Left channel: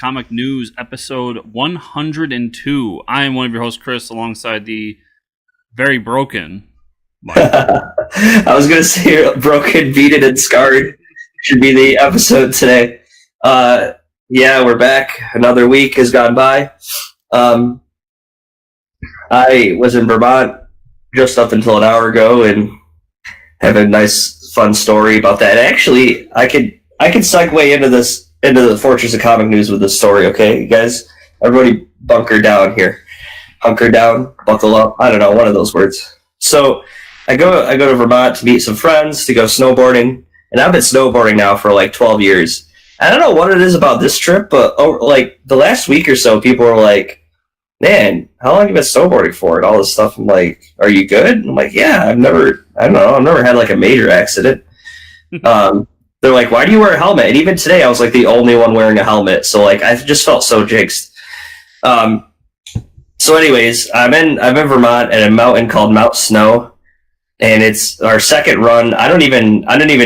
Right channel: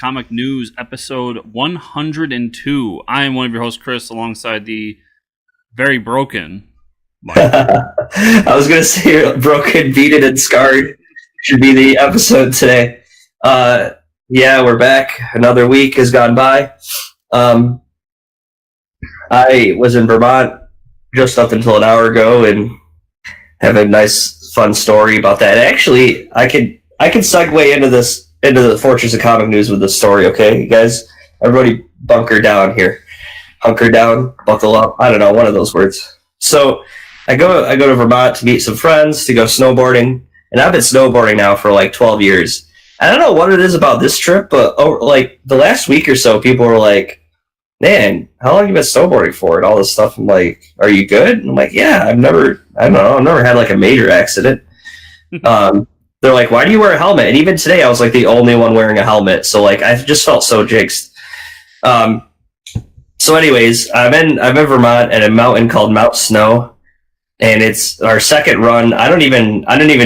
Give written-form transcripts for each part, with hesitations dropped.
Comic News, episode 102. I am one of your hosts, Chris, alongside the very broken Mike. I was going to say broken, beaten, and scarred should be the episode today. Yeah, we're back. Another week has gone by. I was in Vermont just up until an hour ago and have a nice, fun story about that. Actually, I could segue into the Fortress of Comic News with this story, okay? You guys, everybody bunker down here. Hunker down, buckle up. I don't know, one of those words. So I go to Vermont to meet some friends, to go snowboarding, and I've been snowboarding now for like 12 years. I don't know what it is about this trip, but like the last week or so, people were like, man, how long have you been snowboarding for? And all this stuff. I'm like, are you good? And I'm like, yeah, I've never had like a major accident. They're like, why do you wear a helmet? And even today, I was like the only one wearing a helmet. So like, I just felt so jinxed. So anyways, I'm in Vermont at a mountain called Mount Snow, and it's our second run. I don't even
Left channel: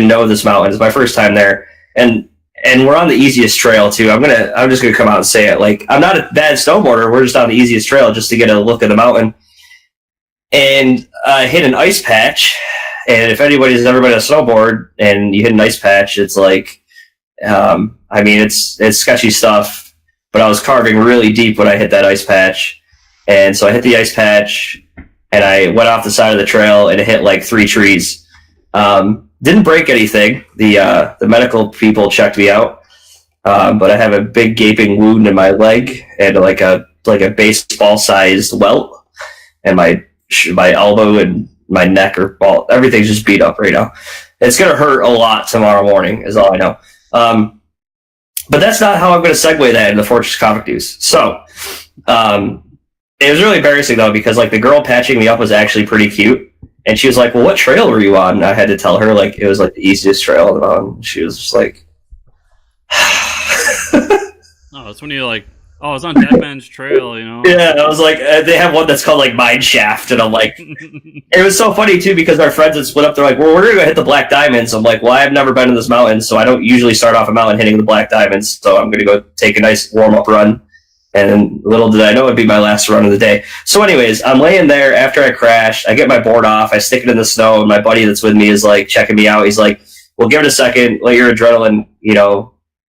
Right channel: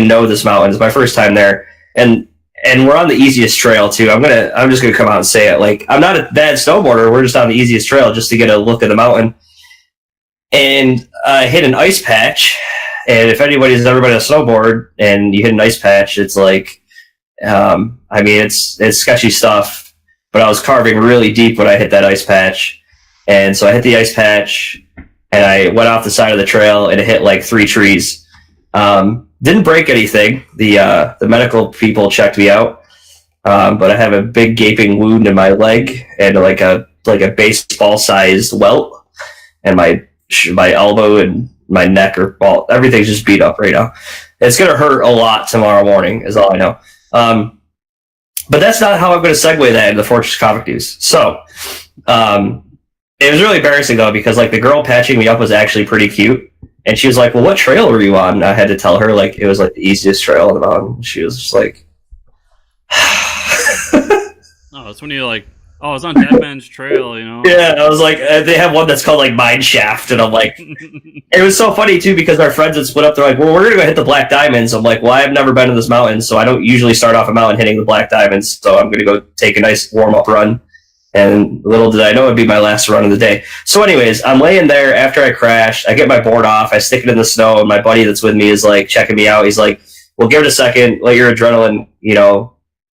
know this mountain. It's my first time there, and we're on the easiest trail too. I'm just gonna come out and say it. Like, I'm not a bad snowboarder. We're just on the easiest trail just to get a look at the mountain. And I hit an ice patch. And if anybody's ever been on a snowboard and you hit an ice patch, it's like, it's sketchy stuff. But I was carving really deep when I hit that ice patch. And so I hit the ice patch and I went off the side of the trail and it hit like 3 trees. Didn't break anything. The medical people checked me out. But I have a big gaping wound in my leg and like a baseball sized welt, and my elbow and my neck are all, everything's just beat up right now. It's going to hurt a lot tomorrow morning is all I know. But that's not how I'm going to segue that into the Fortress Comic News. So, it was really embarrassing though, because like the girl patching me up was actually pretty cute. And she was like, well, what trail were you on? And I had to tell her like, it was like the easiest trail on the mountain. She was just like, oh, that's when you're like, oh, it's on Dead Man's Trail, you know? Yeah, I was like, they have one that's called like Mine Shaft, and I'm like, it was so funny too because our friends had split up. They're like, well, we're gonna go hit the Black Diamonds. I'm like, well, I've never been to this mountain, so I don't usually start off a mountain hitting the Black Diamonds. So I'm gonna go take a nice warm up run. And little did I know it'd be my last run of the day. So, anyways, I'm laying there after I crashed. I get my board off. I stick it in the snow, and my buddy that's with me is like checking me out. He's like, well, give it a second, let your adrenaline,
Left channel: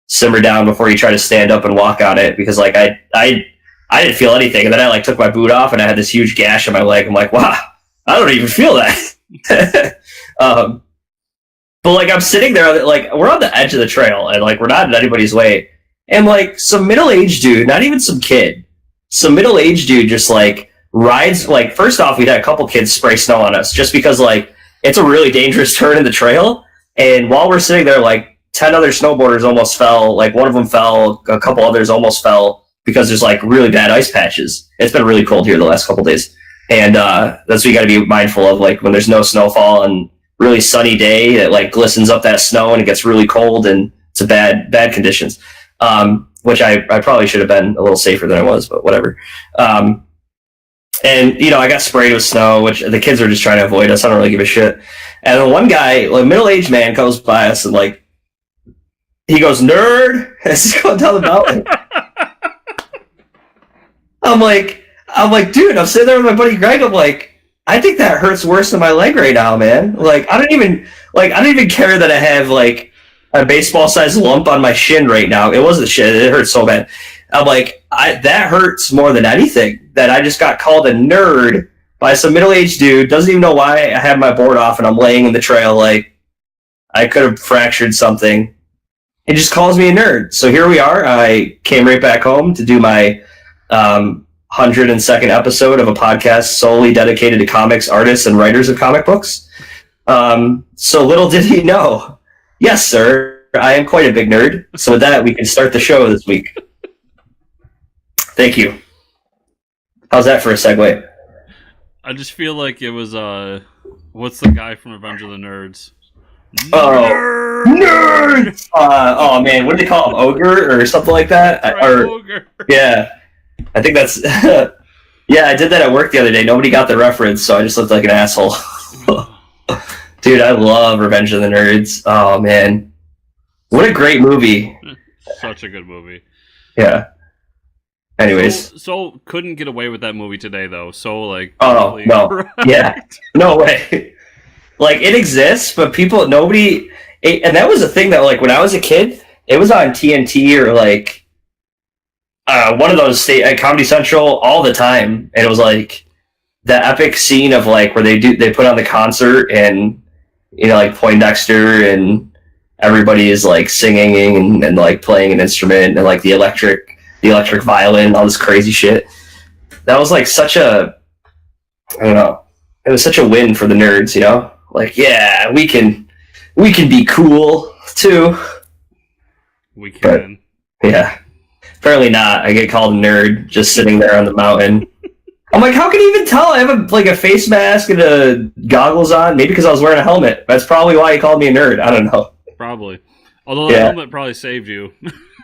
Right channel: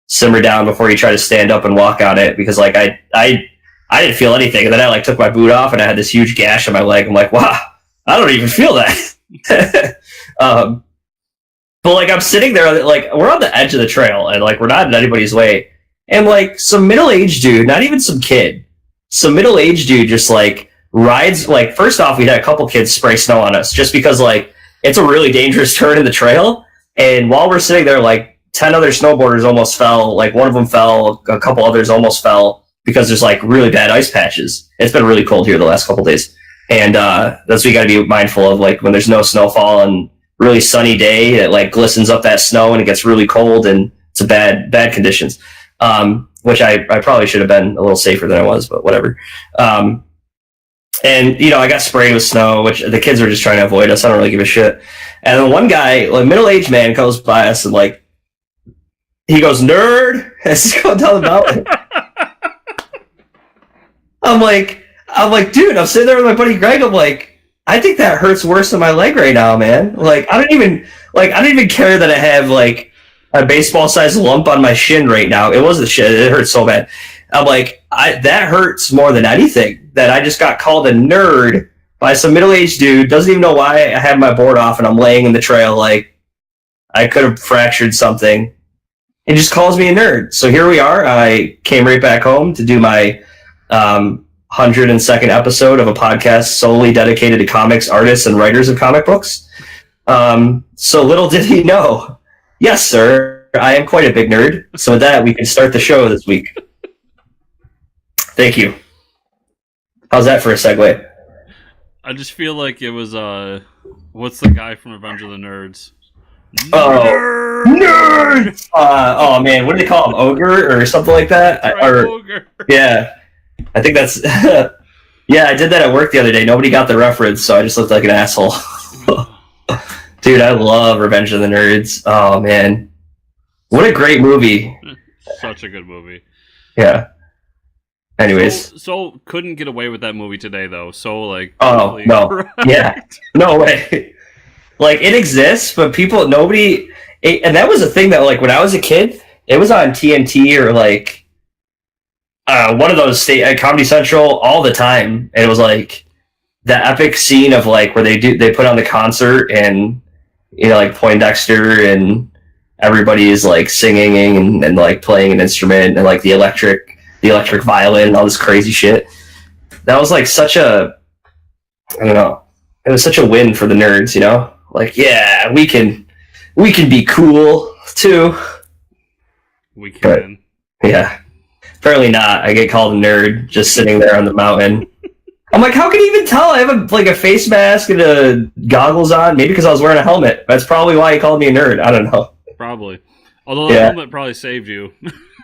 simmer down before you try to stand up and walk on it, because like I didn't feel anything, and then I like took my boot off and I had this huge gash on my leg. I'm like, wow, I don't even feel that. But like I'm sitting there, like we're on the edge of the trail and like we're not in anybody's way, and like some middle-aged dude, not even some kid, some middle-aged dude just like rides. Like first off, we had a couple kids spray snow on us just because like it's a really dangerous turn in the trail, and while we're sitting there, like 10 other snowboarders almost fell. Like one of them fell, a couple others almost fell because there's like really bad ice patches. It's been really cold here the last couple days. And that's what you got to be mindful of. Like when there's no snowfall and really sunny day, it like glistens up that snow and it gets really cold and it's a bad conditions. Which I probably should have been a little safer than I was, but whatever. And I got sprayed with snow, which the kids are just trying to avoid us. I don't really give a shit. And then one guy, like middle-aged man, goes by us and like, he goes, nerd, as he's going down the mountain. I'm like, dude, I'm sitting there with my buddy Greg. I'm like, I think that hurts worse than my leg right now, man. Like, I don't even care that I have like a baseball-sized lump on my shin right now. It wasn't shit. It hurts so bad. I'm like, that hurts more than anything. That I just got called a nerd by some middle-aged dude. Doesn't even know why I have my board off and I'm laying in the trail. Like, I could have fractured something. It just calls me a nerd. So here we are. I came right back home to do my 102nd episode of a podcast solely dedicated to comics, artists, and writers of comic books. So little did he know. Yes, sir. I am quite a big nerd. So with that, we can start the show this week. Thank you. How's that for a segue? I just feel like it was, what's the guy from Avengers of the Nerds? Nerd! Oh man, what do they call him? Ogre or something like that? Ogre. Yeah, I think that's. Yeah, I did that at work the other day. Nobody got the reference, so I just looked like an asshole. Dude, I love Revenge of the Nerds. Oh man, what a great movie! Such a good movie. Yeah. Anyways. So couldn't get away with that movie today though. So like, Oh no. correct. Yeah. No way. Like it exists, but nobody. And that was a thing that like when I was a kid, it was on TNT or like one of those Comedy Central all the time, and it was like the epic scene of like where they put on the concert and like Poindexter and everybody is like singing and like playing an instrument and like the electric violin and all this crazy shit. That was like such a, I don't know, it was such a win for the nerds, like, yeah, we can be cool too. We can. But, yeah. Apparently not. I get called a nerd just sitting there on the mountain. I'm like, how can you even tell? I have a face mask and goggles on. Maybe because I was wearing a helmet. That's probably why he called me a nerd. I don't know. Probably. Although the helmet probably saved you.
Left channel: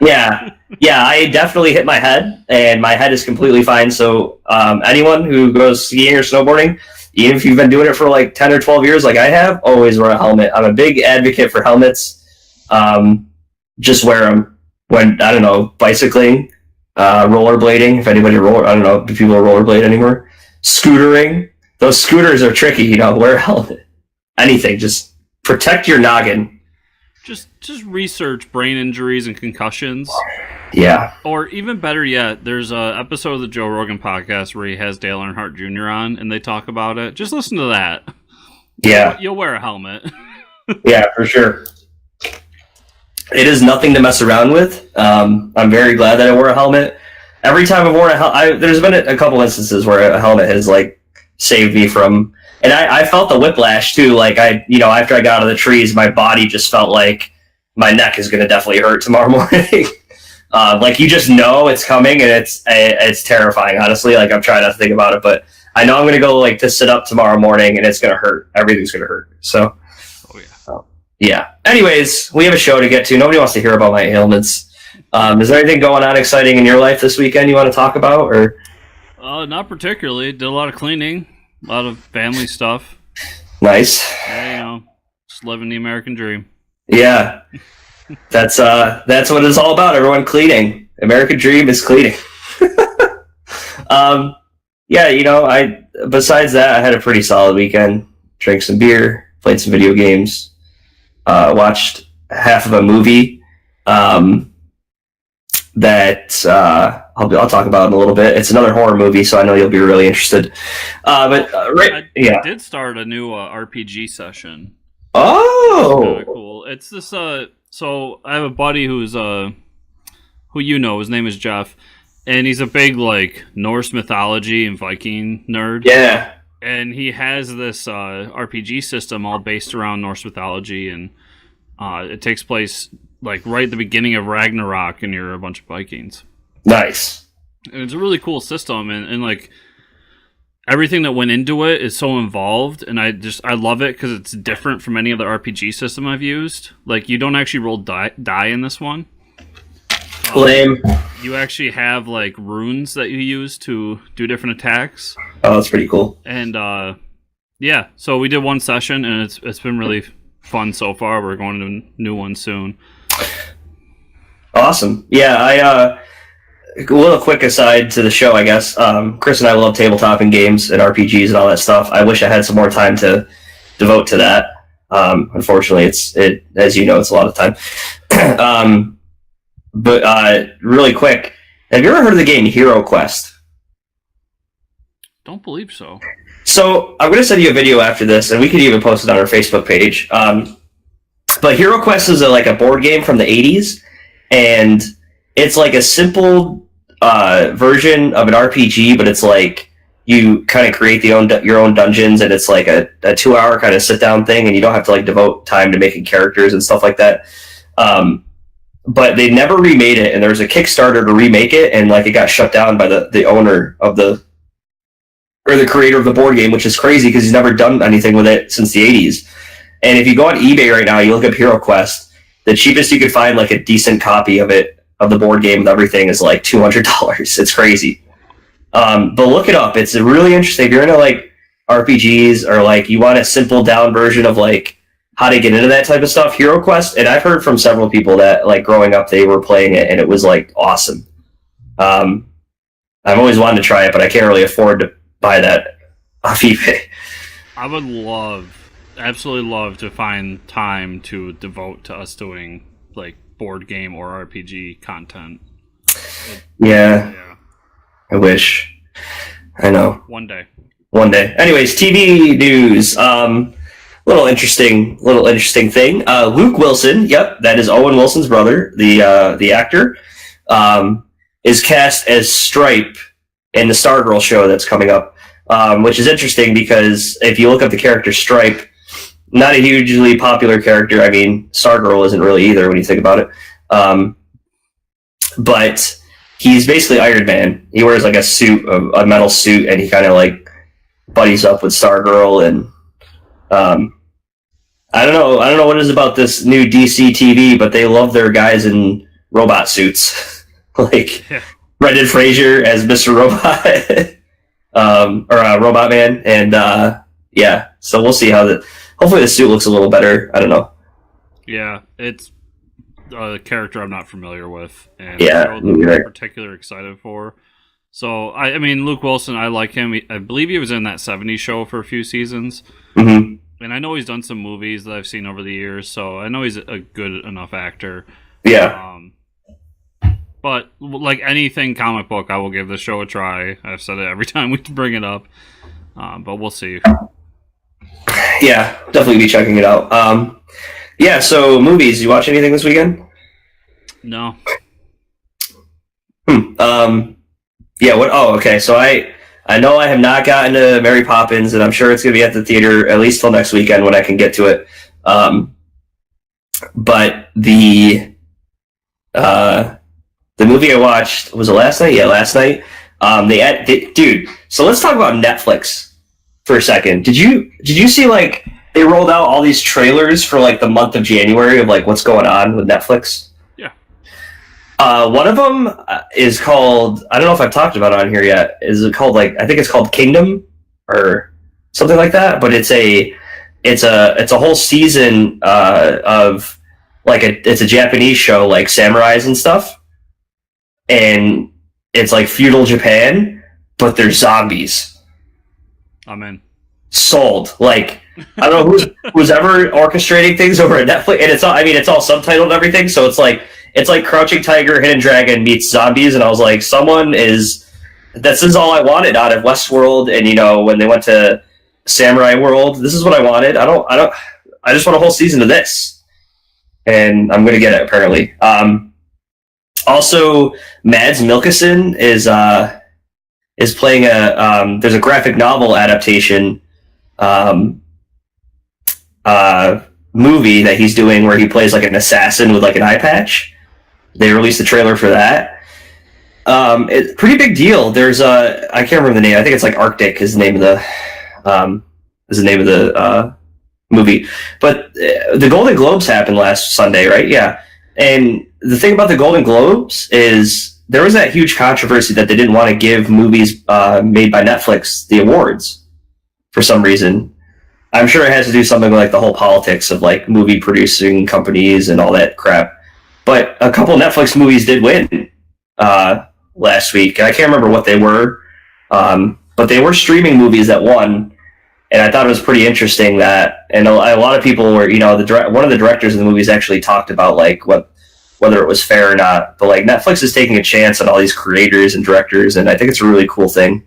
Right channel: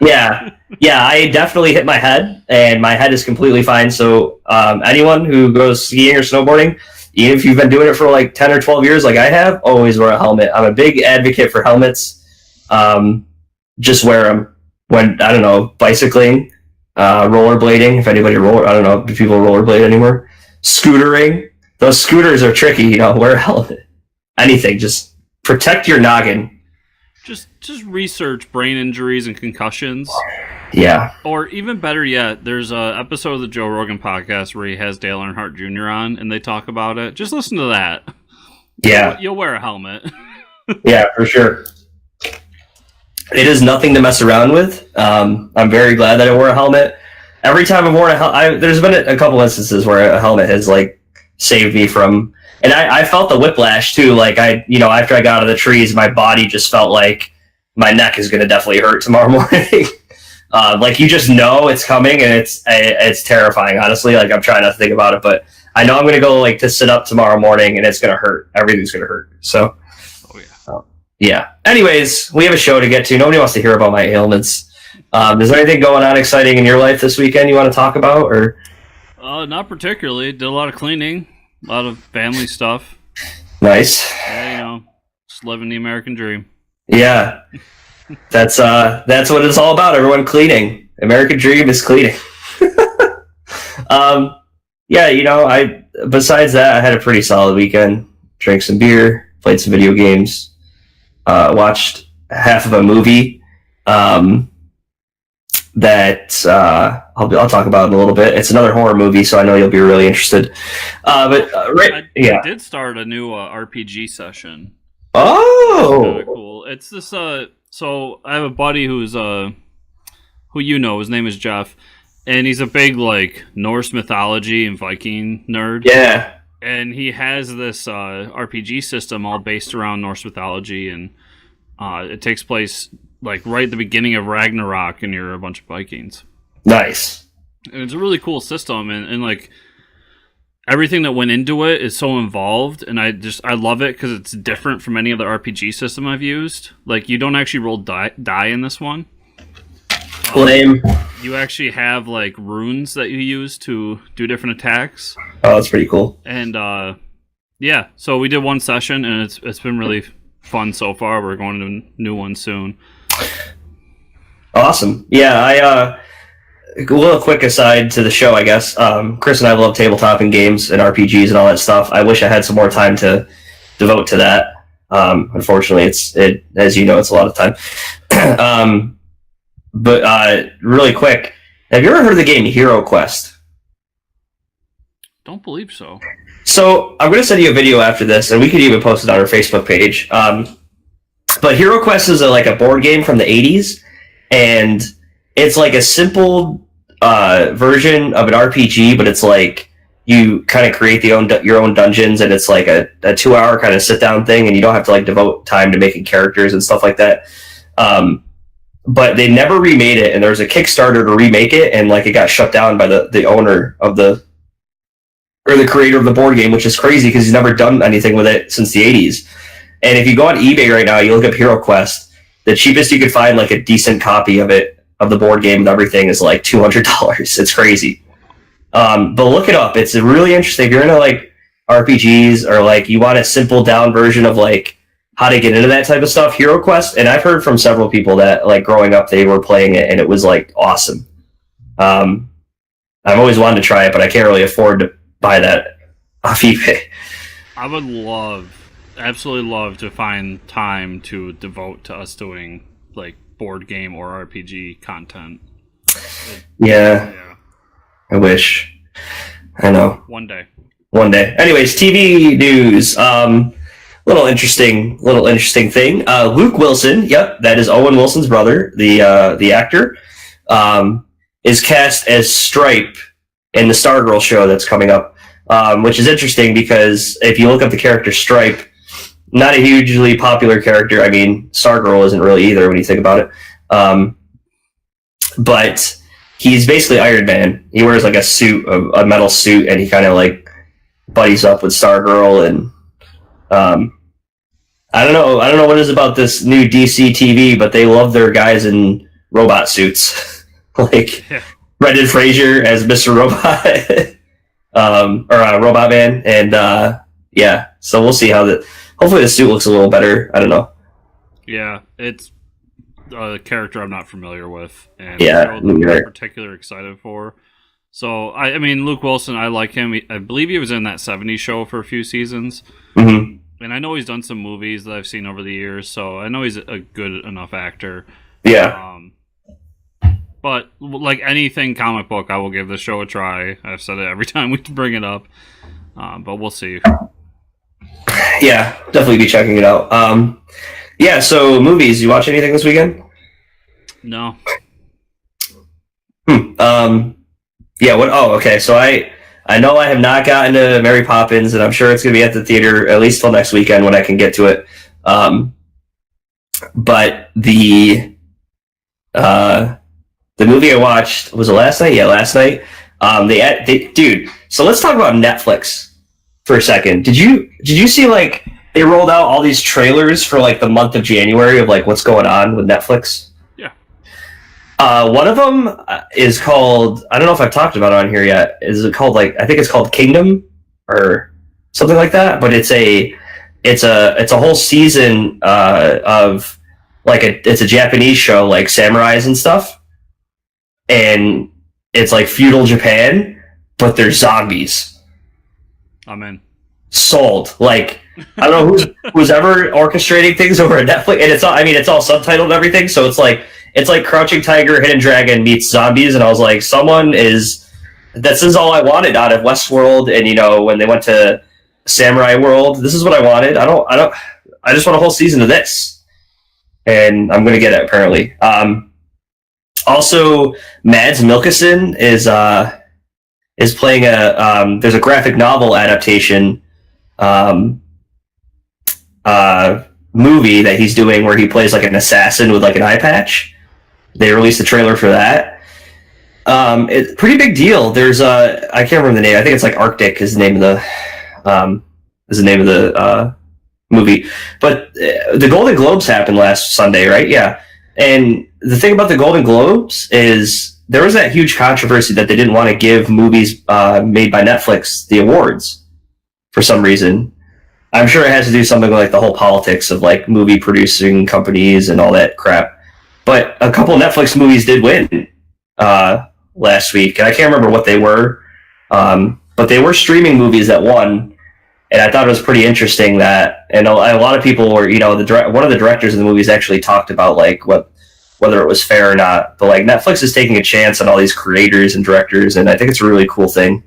Yeah, I definitely hit my head, and my head is completely fine. So anyone who goes skiing or snowboarding, even if you've been doing it for like 10 or 12 years like I have, always wear a helmet. I'm a big advocate for helmets. Just wear them when, I don't know, bicycling, rollerblading, if anybody I don't know, do people rollerblade anymore? Scootering. Those scooters are tricky, wear a helmet. Anything, just protect your noggin. Just research brain injuries and concussions. Yeah. Or even better yet, there's an episode of the Joe Rogan podcast where he has Dale Earnhardt Jr. on, and they talk about it. Just listen to that. Yeah. You'll wear a helmet. Yeah, for sure. It is nothing to mess around with. I'm very glad that I wore a helmet. Every time I've worn a helmet, there's been a couple instances where a helmet has like saved me from, and I felt the whiplash too. Like after I got out of the trees, my body just felt like my neck is going to definitely hurt tomorrow morning. Like you just know it's coming, and it's terrifying. Honestly, like I'm trying not to think about it, but I know I'm going to go like to sit up tomorrow morning, and it's going to hurt. Everything's going to hurt. So, yeah. Anyways, we have a show to get to. Nobody wants to hear about my ailments. Is there anything going on exciting in your life this weekend you want to talk about, or? Not particularly. Did a lot of cleaning, a lot of family stuff. Nice. Yeah, just living the American dream. Yeah, that's what it's all about. Everyone cleaning. American dream is cleaning. Yeah, besides that, I had a pretty solid weekend. Drank some beer, played some video games, watched half of a movie that I'll talk about in a little bit. It's another horror movie, so I know you'll be really interested. I did start a new RPG session. Oh, kind of cool. It's this. So I have a buddy who's who his name is Jeff, and he's a big like Norse mythology and Viking nerd. Yeah. And he has this RPG system all based around Norse mythology, and it takes place like right at the beginning of Ragnarok, and you're a bunch of Vikings. Nice. And it's a really cool system, and like everything that went into it is so involved, and I love it because it's different from any other RPG system I've used. Like you don't actually roll die in this one. Lame. You actually have like runes that you use to do different attacks. Oh, that's pretty cool. And yeah, so we did one session, and it's been really fun so far. We're going to a new one soon. Awesome. Yeah, a little quick aside to the show, I guess. Chris and I love tabletop and games and RPGs and all that stuff. I wish I had some more time to devote to that. Unfortunately, as you know, it's a lot of time. But really quick, have you ever heard of the game Hero Quest? Don't believe so. So I'm going to send you a video after this, and we could even post it on our Facebook page. But Hero Quest is like a board game from the 80s, and it's like a simple version of an RPG, but it's like you kind of create your own dungeons, and it's like a 2-hour kind of sit-down thing, and you don't have to like devote time to making characters and stuff like that. But they never remade it, and there was a Kickstarter to remake it, and like it got shut down by the owner of the creator of the board game, which is crazy because he's never done anything with it since the 80s. And if you go on eBay right now, you look up Hero Quest, the cheapest you could find like a decent copy of the board game and everything is like $200. It's crazy. But look it up. It's really interesting. If you're into like RPGs or like you want a simple down version of like how to get into that type of stuff, Hero Quest. And I've heard from several people that like growing up, they were playing it and it was like awesome. I've always wanted to try it, but I can't really afford to buy that off eBay. I would absolutely love to find time to devote to us doing like board game or RPG content. Yeah. I wish. I know. One day. Anyways, TV news. Little interesting thing. Luke Wilson, yep, that is Owen Wilson's brother, the actor, is cast as Stripe in the Stargirl show that's coming up, which is interesting because if you look up the character Stripe, not a hugely popular character. I mean, Stargirl isn't really either when you think about it. But he's basically Iron Man. He wears like a metal suit, and he kind of like buddies up with Stargirl, and I don't know what it is about this new DC TV, but they love their guys in robot suits, like Brendan Fraser as Mr. Robot, or Robot Man, and yeah. So we'll see how hopefully the suit looks a little better. I don't know. Yeah, it's a character I'm not familiar with, and I'm particularly excited for. So I mean, Luke Wilson, I like him. I believe he was in that '70s show for a few seasons, and I know he's done some movies that I've seen over the years. So I know he's a good enough actor. Yeah. But like anything comic book, I will give the show a try. I've said it every time we bring it up, but we'll see. Yeah, definitely be checking it out. Yeah, so movies. You watch anything this weekend? No. Yeah. What? Oh, okay. So I know I have not gotten to Mary Poppins, and I'm sure it's going to be at the theater at least till next weekend when I can get to it. But the movie I watched, was it last night? Yeah, last night. Dude. So let's talk about Netflix for a second. Did you see like they rolled out all these trailers for like the month of January of like what's going on with Netflix? Yeah. One of them is called, I don't know if I've talked about it on here yet. Is it called like, I think it's called Kingdom or something like that, but it's a whole season of like it's a Japanese show like samurais and stuff. And it's like feudal Japan, but they're zombies. I'm in. Sold. Like, I don't know who's ever orchestrating things over at Netflix, and it's all subtitled and everything, so it's like Crouching Tiger, Hidden Dragon meets zombies, and I was like, this is all I wanted out of Westworld, and when they went to Samurai World, this is what I wanted. I just want a whole season of this, and I'm gonna get it apparently. Also, Mads Mikkelsen is playing there's a graphic novel adaptation movie that he's doing where he plays like an assassin with like an eye patch. They released the trailer for that. It's pretty big deal. There's I can't remember the name. I think it's like Arctic is the name of the movie. But the Golden Globes happened last Sunday, right? Yeah. And the thing about the Golden Globes is there was that huge controversy that they didn't want to give movies made by Netflix the awards for some reason. I'm sure it has to do something like the whole politics of like movie producing companies and all that crap. But a couple Netflix movies did win last week, and I can't remember what they were, but they were streaming movies that won. And I thought it was pretty interesting that, and a lot of people were, one of the directors of the movies actually talked about like whether it was fair or not. But like Netflix is taking a chance on all these creators and directors, and I think it's a really cool thing.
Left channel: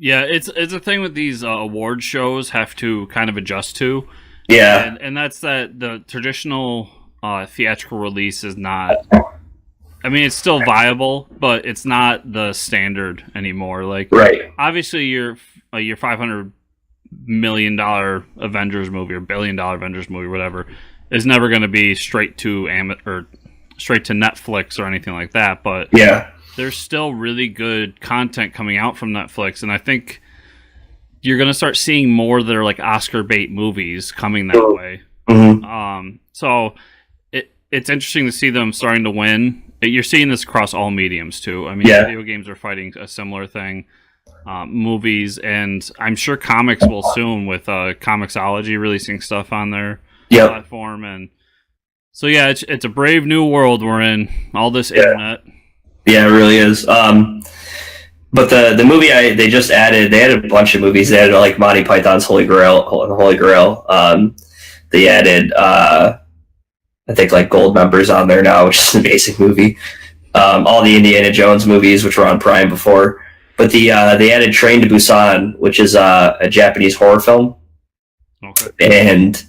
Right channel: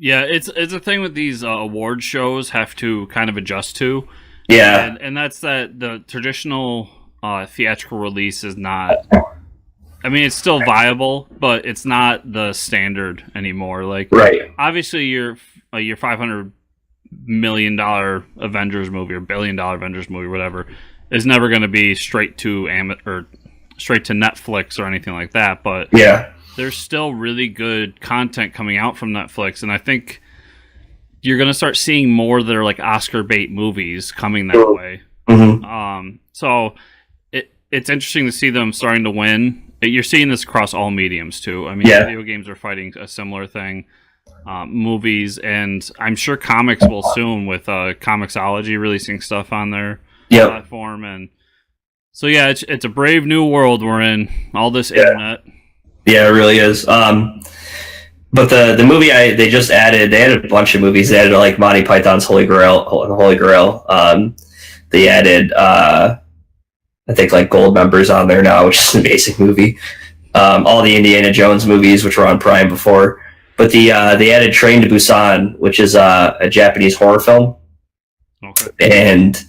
Yeah, it's a thing with these award shows have to kind of adjust to. Yeah, and that's that the traditional theatrical release is not. I mean, it's still viable, but it's not the standard anymore. Like, right. Obviously, your $500 million Avengers movie or $1 billion Avengers movie, whatever, is never going to be straight to Netflix or anything like that. But yeah, there's still really good content coming out from Netflix, and I think you're going to start seeing more that are like Oscar bait movies coming that way. Mm-hmm. So it's interesting to see them starting to win. You're seeing this across all mediums too. I mean, Video games are fighting a similar thing. Movies, and I'm sure comics will soon with Comixology releasing stuff on their platform. And so yeah, it's a brave new world we're in. All this internet. Yeah, it really is. But the movie they just added, they added a bunch of movies. They added like Monty Python's Holy Grail. They added I think like Gold Members on there now, which is an amazing movie. All the Indiana Jones movies, which were on Prime before, but they added Train to Busan, which is a Japanese horror film. Okay. And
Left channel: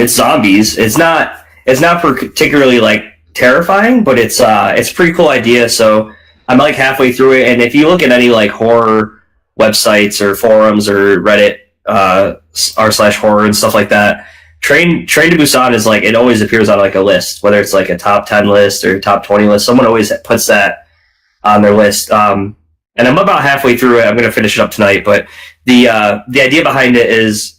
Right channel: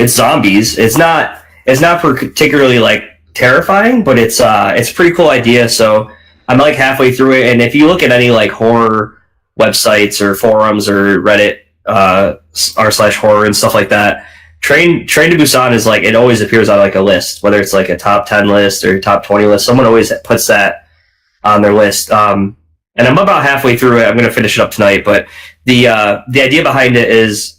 it's zombies. It's not particularly like terrifying, but it's a pretty cool idea. So I'm like halfway through it, and if you look at any like horror websites or forums or Reddit r/horror and stuff like that, Train to Busan is like, it always appears on like a list, whether it's like a top 10 list or top 20 list. Someone always puts that on their list. And I'm about halfway through it. I'm going to finish it up tonight, but the idea behind it is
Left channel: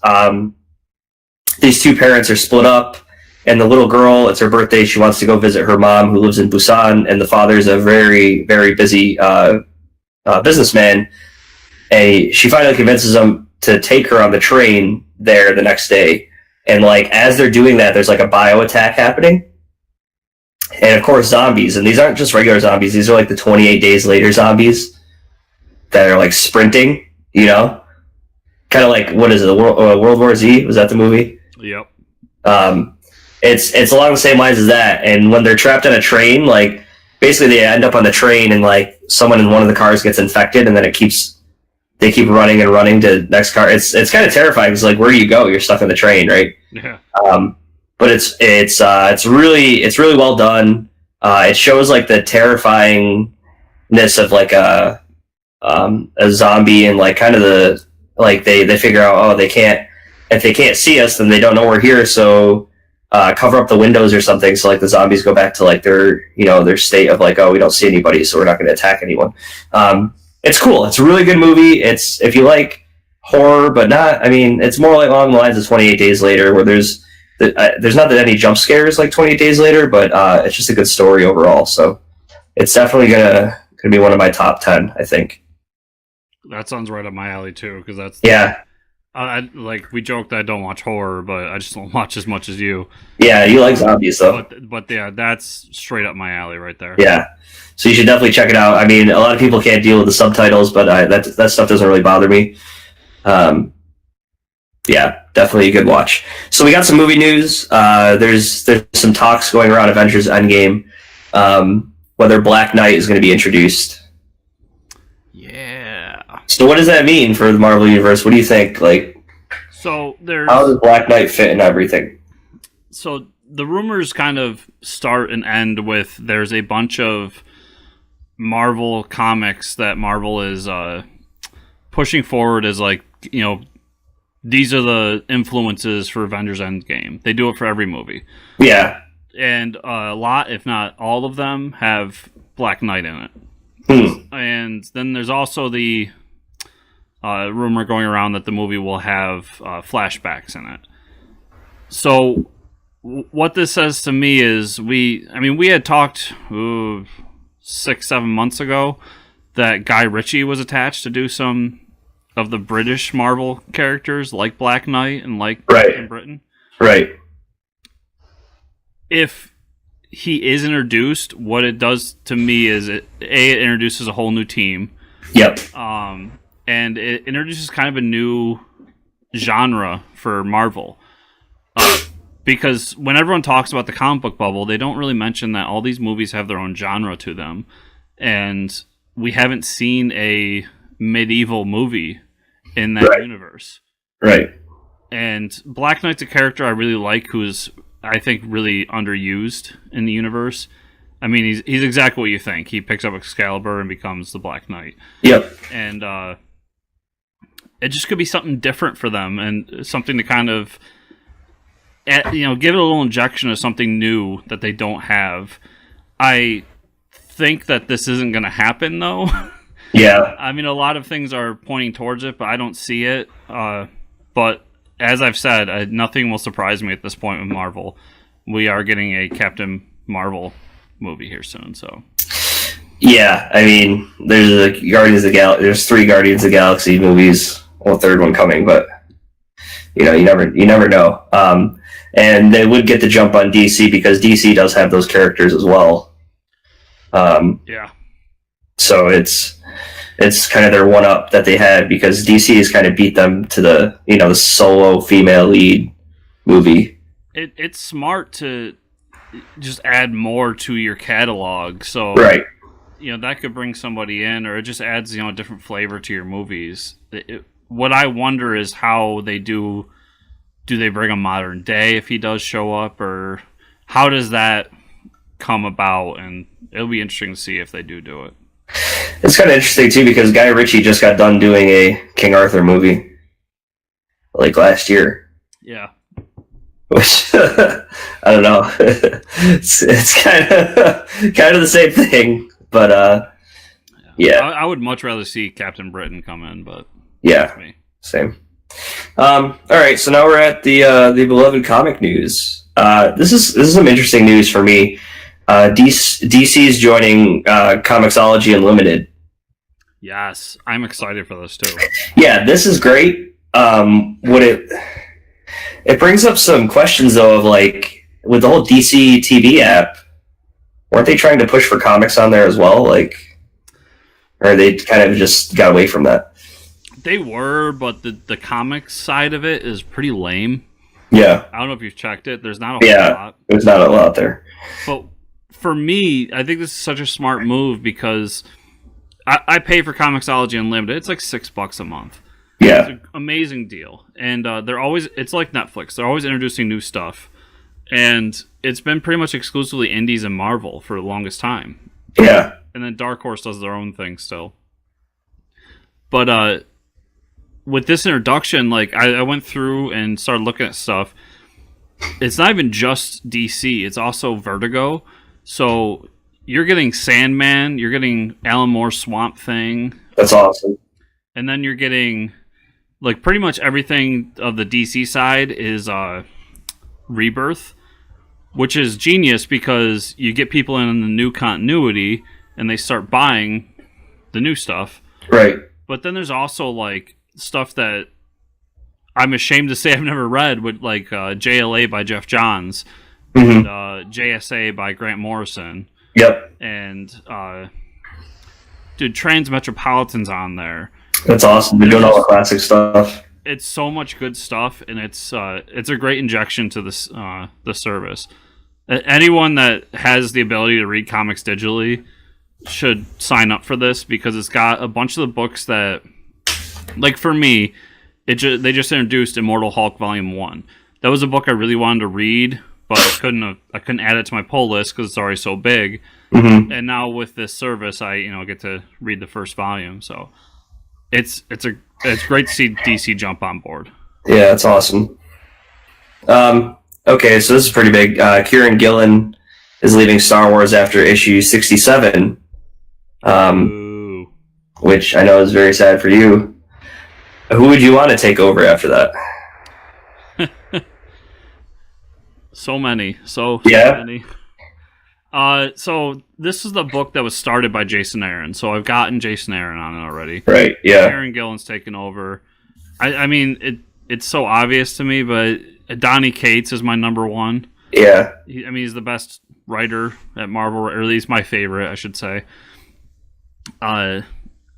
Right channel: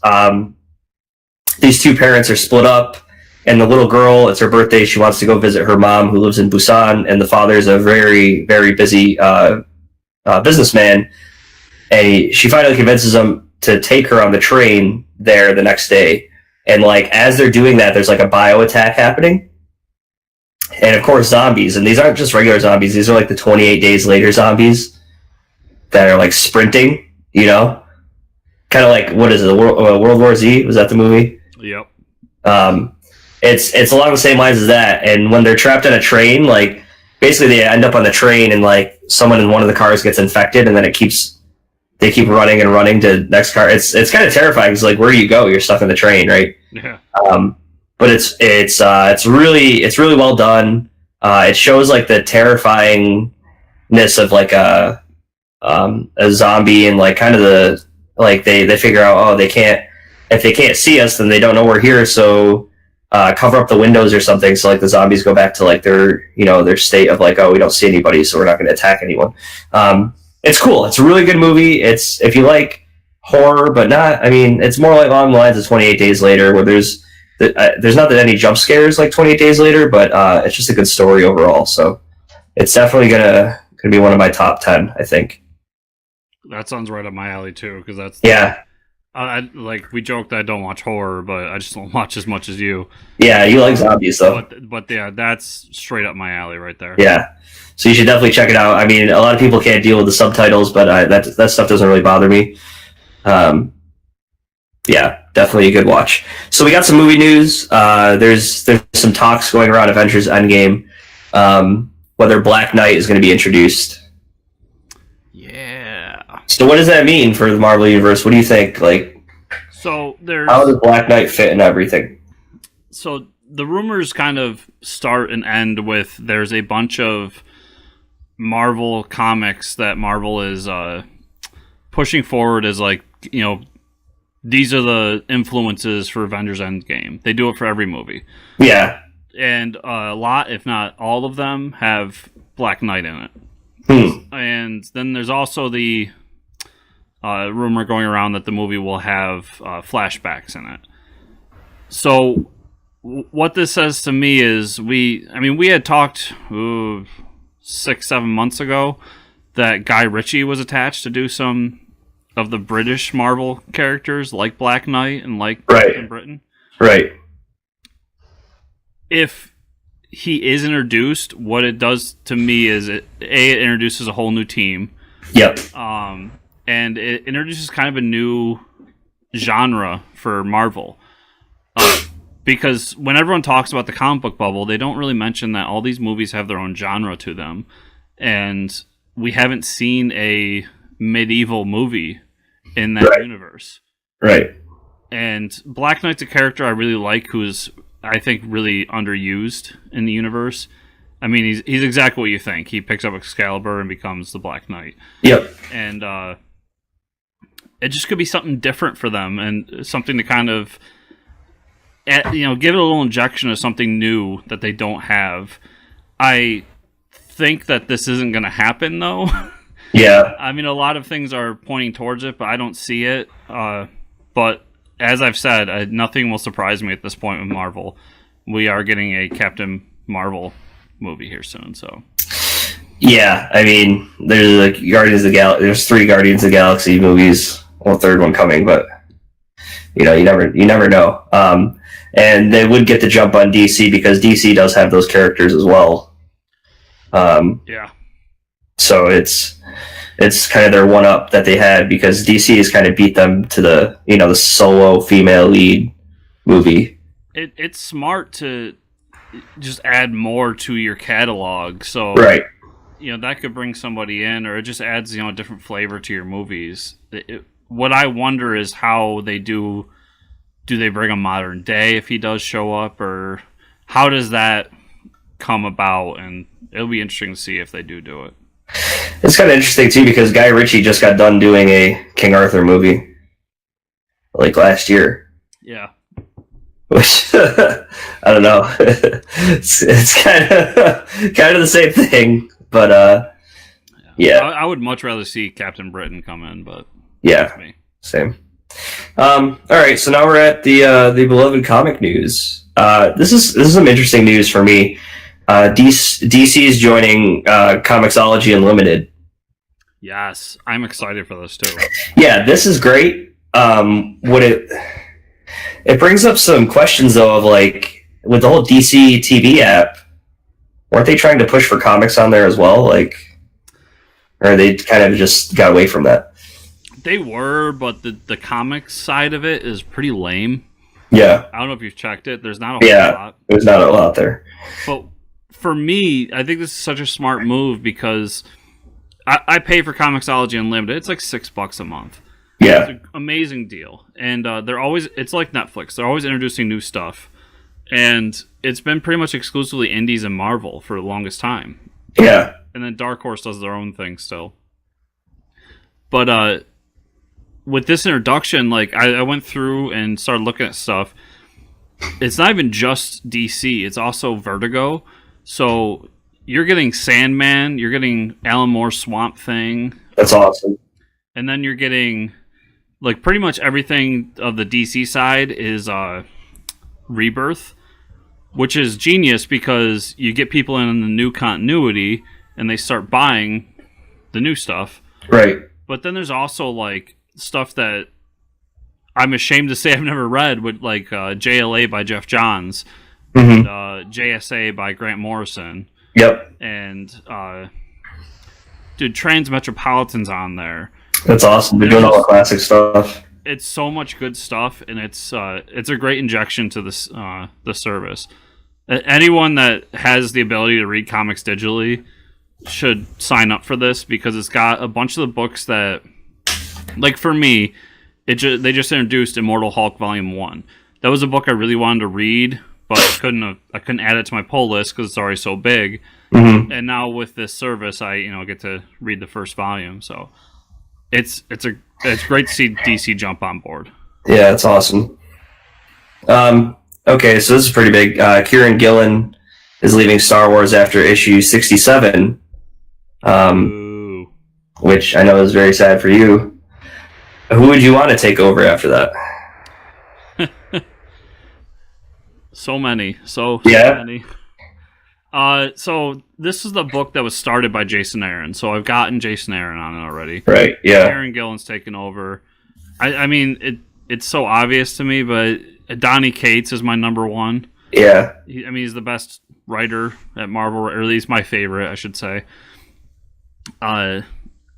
these two parents are split up, and the little girl, it's her birthday, she wants to go visit her mom who lives in Busan, and the father's a very, very busy businessman, and she finally convinces him to take her on the train there the next day. And like as they're doing that, there's like a bio attack happening, and of course zombies, and these aren't just regular zombies, these are like the 28 days later zombies that are like sprinting, you know, kind of like, what is it, World War Z, was that the movie? Yep. It's along the same lines as that, and when they're trapped on a train, like basically they end up on the train, and like someone in one of the cars gets infected, and then they keep running and running to the next car. It's kind of terrifying because like, where do you go? You're stuck on the train, right? Yeah. But it's really well done. It shows like the terrifyingness of like a zombie, and like kind of the like they figure out, oh, if they can't see us, then they don't know we're here, so cover up the windows or something, so like the zombies go back to like their state of like, oh, we don't see anybody, so we're not going to attack anyone. It's cool. It's a really good movie. It's, if you like horror, but not, I mean, it's more like along the lines of 28 Days Later, where there's not that any jump scares like 28 Days Later, but it's just a good story overall. So it's definitely gonna be one of my top 10, I think. That sounds right up my alley too, because that's yeah. Like we joked that I don't watch horror, but I just don't watch as much as you. Yeah, you like zombies though. But yeah, that's straight up my alley right there. Yeah. So you should definitely check it out. I mean, a lot of people can't deal with the subtitles, but that stuff doesn't really bother me. Yeah, definitely a good watch. So we got some movie news. There's some talks going around Avengers Endgame, whether Black Knight is going to be introduced. Yeah. So what does that mean for the Marvel Universe? What do you think? Like, so how does Black Knight fit in everything? So the rumors kind of start and end with, there's a bunch of Marvel comics that Marvel is pushing forward as like, you know, these are the influences for Avengers Endgame. They do it for every movie. Yeah. And a lot, if not all of them, have Black Knight in it. And then there's also the rumor going around that the movie will have flashbacks in it. So what this says to me is, we had talked 6-7 months ago that Guy Ritchie was attached to do some of the British Marvel characters, like Black Knight and like Captain Britain. Right. If he is introduced, what it does to me is it introduces a whole new team. Yep. And it introduces kind of a new genre for Marvel. Because when everyone talks about the comic book bubble, they don't really mention that all these movies have their own genre to them. And we haven't seen a medieval movie in that universe. Right. And Black Knight's a character I really like, who's, I think, really underused in the universe. I mean, he's exactly what you think. He picks up Excalibur and becomes the Black Knight. Yep. And it just could be something different for them, and something to kind of, give it a little injection of something new that they don't have. I think that this isn't going to happen, though. Yeah. I mean, a lot of things are pointing towards it, but I don't see it. But as I've said, nothing will surprise me at this point with Marvel. We are getting a Captain Marvel movie here soon, so. Yeah, I mean, there's there's 3 Guardians of the Galaxy movies, well, a third one coming, but you never know. And they would get the jump on DC because DC does have those characters as well. Yeah. So it's kind of their one up that they had because DC has kind of beat them to the solo female lead movie. It's smart to just add more to your catalog, so Right. that could bring somebody in, or it just adds a different flavor to your movies. What I wonder is how they do. Do they bring a modern day if he does show up, or how does that come about? And it'll be interesting to see if they do it. It's kind of interesting too because Guy Ritchie just got done doing a King Arthur movie like last year. Yeah. Which I don't know. It's kind of the same thing, but yeah. I would much rather see Captain Britain come in, but yeah, that's me. Same. All right, so now we're at the beloved comic news. This is some interesting news for me. DC's joining Comixology Unlimited. Yes, I'm excited for this too. Yeah, this is great. It brings up some questions though of like with the whole DC TV app, weren't they trying to push for comics on there as well? Like, or they kind of just got away from that? They were, but the comics side of it is pretty lame. Yeah. I don't know if you've checked it. There's not a whole lot. There's not a lot there. But for me, I think this is such a smart move because I pay for Comixology Unlimited. It's like $6 a month. Yeah. It's an amazing deal. And it's like Netflix. They're always introducing new stuff. And it's been pretty much exclusively indies and Marvel for the longest time. Yeah. And then Dark Horse does their own thing still. But with this introduction, like I went through and started looking at stuff. It's not even just DC. It's also Vertigo. So you're getting Sandman. You're getting Alan Moore's Swamp Thing. That's awesome. And then you're getting like pretty much everything of the DC side is Rebirth, which is genius because you get people in the new continuity and they start buying the new stuff. Right. But then there's also like stuff that I'm ashamed to say I've never read, with like JLA by Jeff Johns, and JSA by Grant Morrison. Yep. And dude, Transmetropolitan's on there. That's awesome. They're doing all the classic stuff. It's so much good stuff, and it's a great injection to this the service. Anyone that has the ability to read comics digitally should sign up for this because it's got a bunch of the books that, like for me, they just introduced Immortal Hulk Volume 1. That was a book I really wanted to read, but I couldn't add it to my pull list because it's already so big. Mm-hmm. And now with this service, I get to read the first volume. So it's great to see DC jump on board. Yeah, that's awesome. Okay, so this is pretty big. Kieran Gillen is leaving Star Wars after issue 67, which I know is very sad for you. Who would you want to take over after that? So many. So many. So this is the book that was started by Jason Aaron. So I've gotten Jason Aaron on it already. Right, yeah. Kieran Gillen's taken over. I mean, it's so obvious to me, but Donny Cates is my number one. Yeah. He's the best writer at Marvel, or at least my favorite, I should say.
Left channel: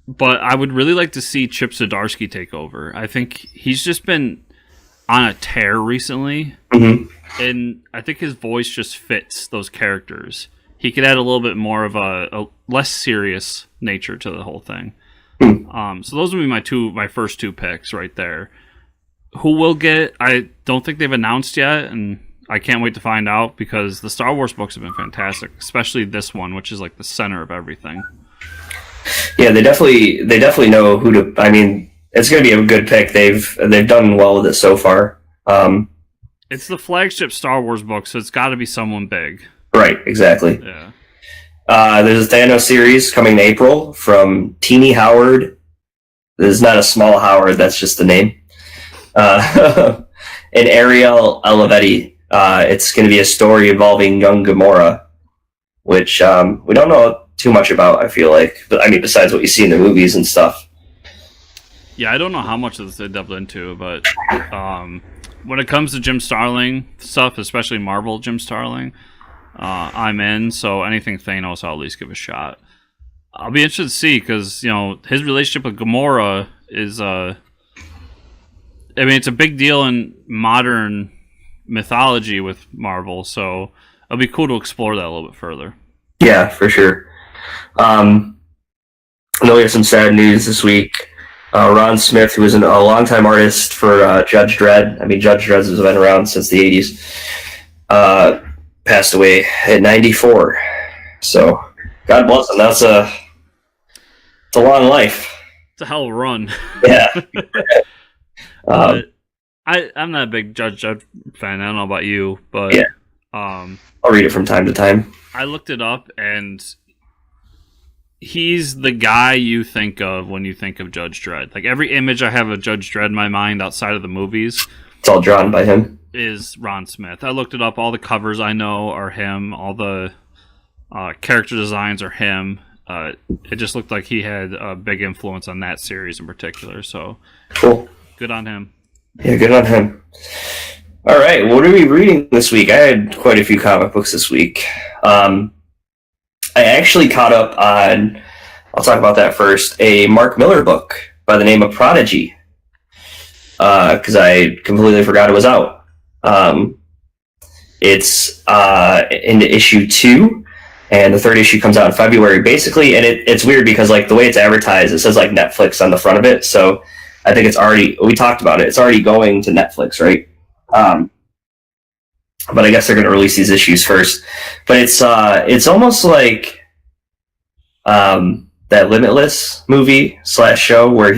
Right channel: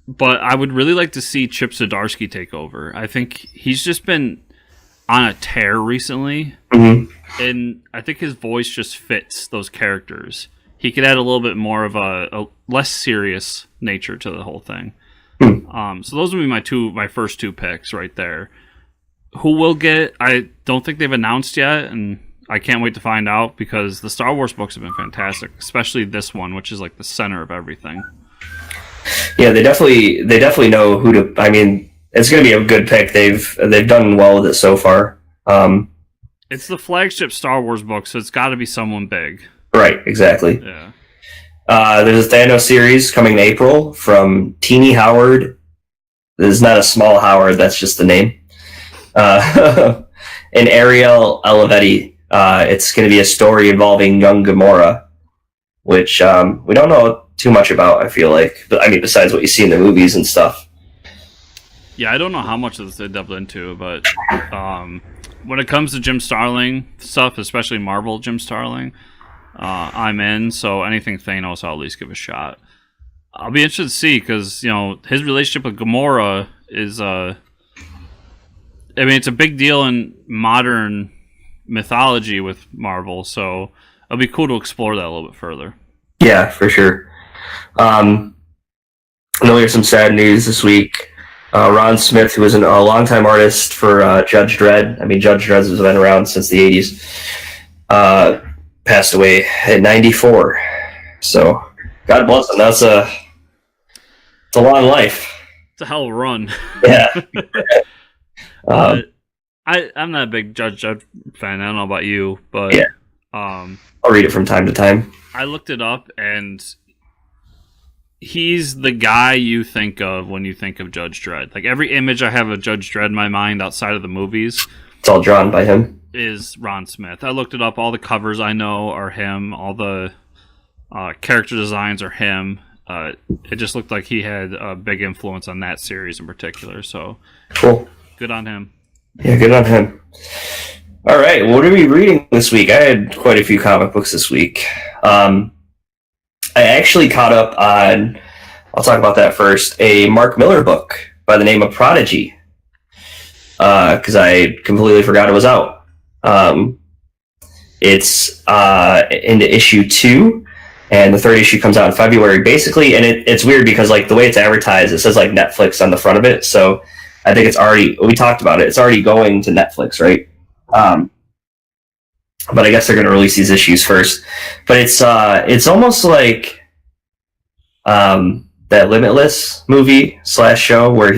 But I would really like to see Chip Zdarsky take over. I think he's just been on a tear recently, and I think his voice just fits those characters. He could add a little bit more of a less serious nature to the whole thing. So those would be my first two picks right there. Who will get? I don't think they've announced yet, and I can't wait to find out because the Star Wars books have been fantastic, especially this one, which is like the center of everything. Yeah, they definitely know who to. I mean, it's going to be a good pick. They've done well with it so far. It's the flagship Star Wars book, so it's got to be someone big. Right, exactly. Yeah. There's a Thanos series coming in April from Teeny Howard. There's not a small Howard, that's just the name. And Ariel Olivetti. It's going to be a story involving young Gamora, which we don't know too much about, I feel like. But I mean, besides what you see in the movies and stuff. Yeah, I don't know how much of this they delved into, but when it comes to Jim Starlin stuff, especially Marvel Jim Starlin, I'm in. So anything Thanos, I'll at least give a shot. I'll be interested to see because his relationship with Gamora is I mean, it's a big deal in modern mythology with Marvel, so it'll be cool to explore that a little bit further. Yeah, for sure. I know there's some sad news this week. Ron Smith, who was a longtime artist for Judge Dredd. I mean, Judge Dredd has been around since the 80s. Passed away at 94. So, God bless him. It's a long life. It's a hell of a run. Yeah. I'm not a big Judge Dredd fan. I don't know about you, but yeah. I'll read it from time to time. I looked it up, and he's the guy you think of when you think of Judge Dredd. Like, every image I have of Judge Dredd in my mind outside of the movies, it's all drawn by him. Is Ron Smith. I looked it up. All the covers I know are him. All the character designs are him. It just looked like he had a big influence on that series in particular. So, cool. Good on him. Yeah, good on him. All right, what are we reading this week? I had quite a few comic books this week. I actually caught up on, I'll talk about that first, a Mark Millar book by the name of Prodigy, because I completely forgot it was out. It's into issue 2, and the third issue comes out in February, basically, and it's weird because like the way it's advertised, it says like Netflix on the front of it, so I think it's already, we talked about it, it's already going to Netflix, right? But I guess they're going to release these issues first. But it's almost like that Limitless movie / show where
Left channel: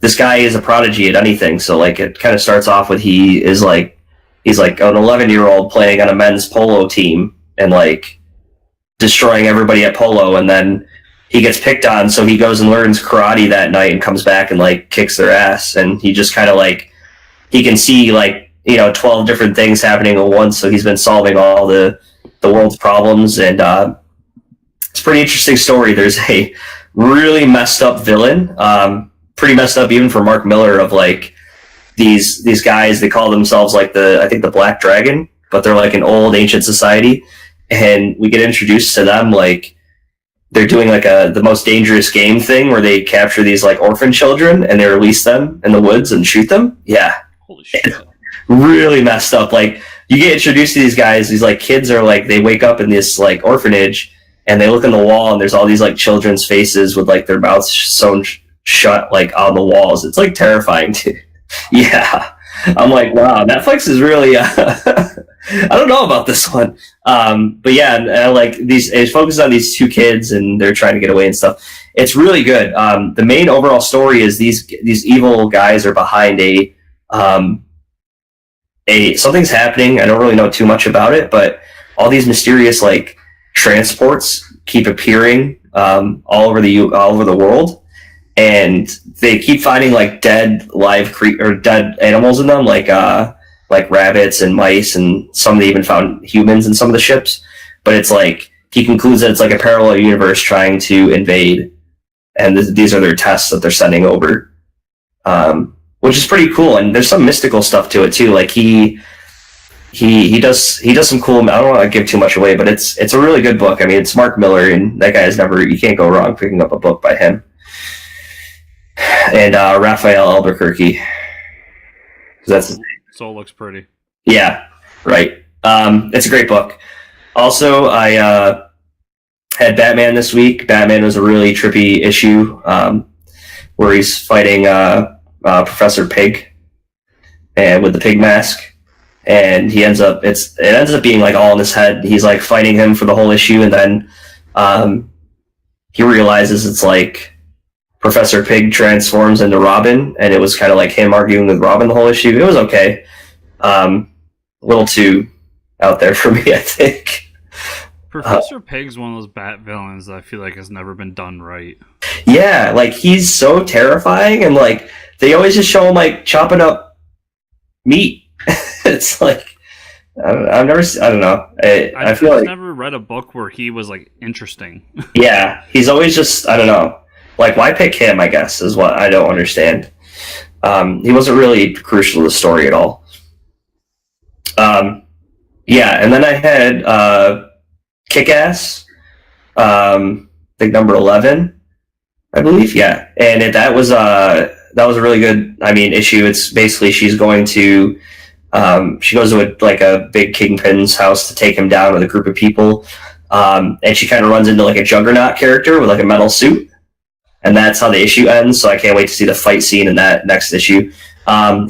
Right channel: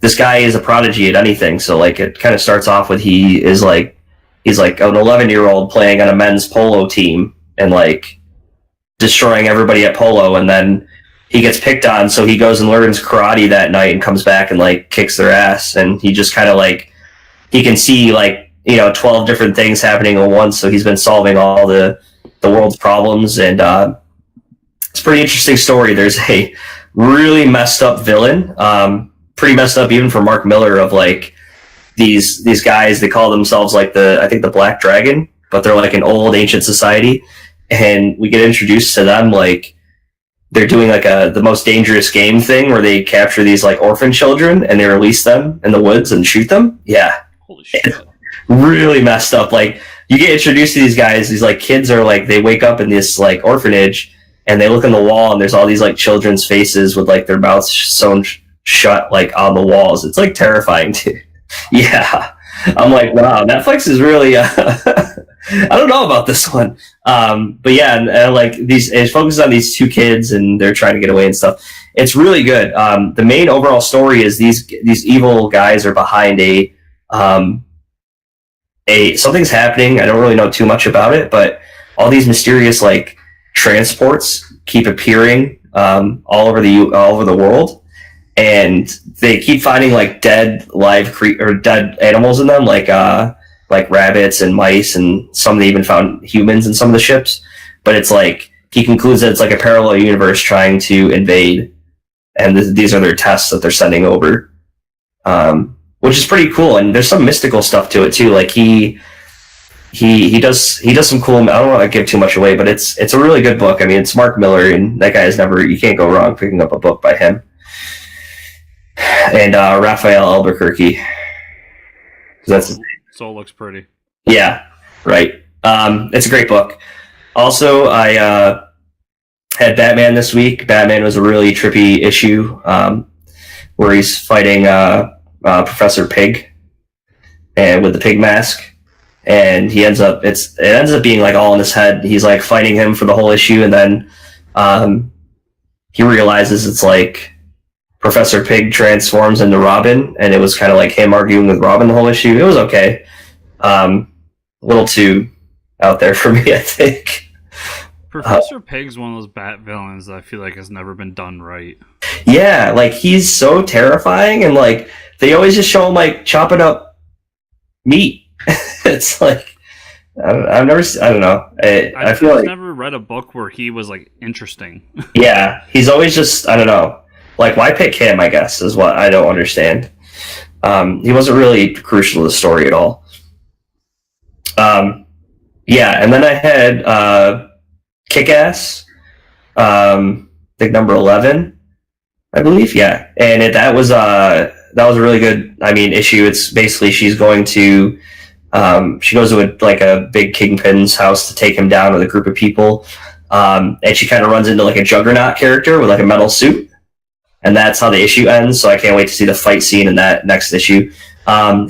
this guy is a prodigy at anything. So like it kind of starts off with he's like an 11-year-old playing on a men's polo team and like destroying everybody at polo, and then he gets picked on, so he goes and learns karate that night and comes back and like kicks their ass, and he just kind of like he can see like 12 different things happening at once, so he's been solving all the world's problems, and it's a pretty interesting story. There's a really messed up villain, pretty messed up even for Mark Millar, of like these guys, they call themselves like I think the Black Dragon, but they're like an old ancient society, and we get introduced to them like they're doing like the most dangerous game thing where they capture these like orphan children and they release them in the woods and shoot them. Yeah. Holy shit. Really messed up. Like you get introduced to these guys, these like kids are like, they wake up in this like orphanage and they look in the wall and there's all these like children's faces with like their mouths sewn shut like on the walls. It's like terrifying too. Yeah. I'm like, wow, Netflix is really I don't know about this one. But yeah, and like it focuses on these two kids and they're trying to get away and stuff. It's really good. The main overall story is these evil guys are behind something's happening. I don't really know too much about it, but all these mysterious like transports keep appearing all over the world, and they keep finding like dead dead animals in them, like rabbits and mice, and some they even found humans in some of the ships. But it's like he concludes that it's like a parallel universe trying to invade, and these are their tests that they're sending over. Which is pretty cool, and there's some mystical stuff to it too. Like he does some cool. I don't want to give too much away, but it's a really good book. I mean, it's Mark Millar, and that guy you can't go wrong picking up a book by him. And Raphael Albuquerque. So it looks pretty. Yeah, right. It's a great book. Also, I had Batman this week. Batman was a really trippy issue where he's fighting Professor Pig, and with the pig mask, and it ends up being like all in his head. He's like fighting him for the whole issue, and then he realizes it's like Professor Pig transforms into Robin, and it was kind of like him arguing with Robin the whole issue. It was okay. A little too out there for me, I think. Professor Pig's one of those bat villains that I feel like has never been done right. Yeah, like he's so terrifying, and like they always just show him like chopping up meat. It's like I don't know. I feel like never read a book where he was like interesting. Yeah, he's always just, I don't know. Like, why pick him? I guess is what I don't understand. He wasn't really crucial to the story at all. Yeah, and then I had Kick-Ass. think number 11, I believe. Yeah, and that was a really good. I mean, issue. It's basically she's going to she goes to a big kingpin's house to take him down with a group of people, and she kind of runs into like a Juggernaut character with like a metal suit, and that's how the issue ends. So I can't wait to see the fight scene in that next issue.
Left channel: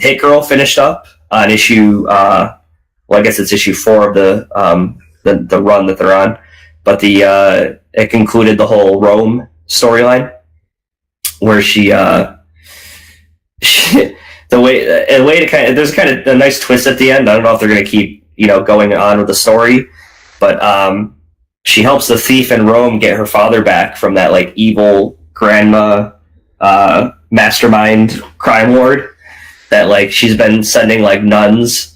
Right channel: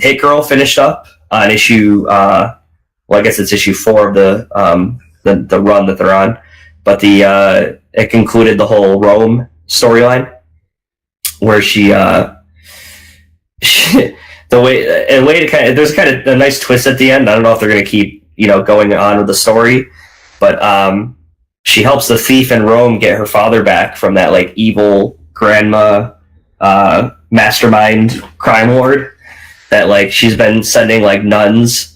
Hit Girl finished up on issue. I guess it's issue 4 of the run that they're on, but it concluded the whole Rome storyline, where she the way to there's kind of a nice twist at the end. I don't know if they're going to keep going on with the story, but she helps the thief in Rome get her father back from that like evil grandma mastermind crime lord that like she's been sending like nuns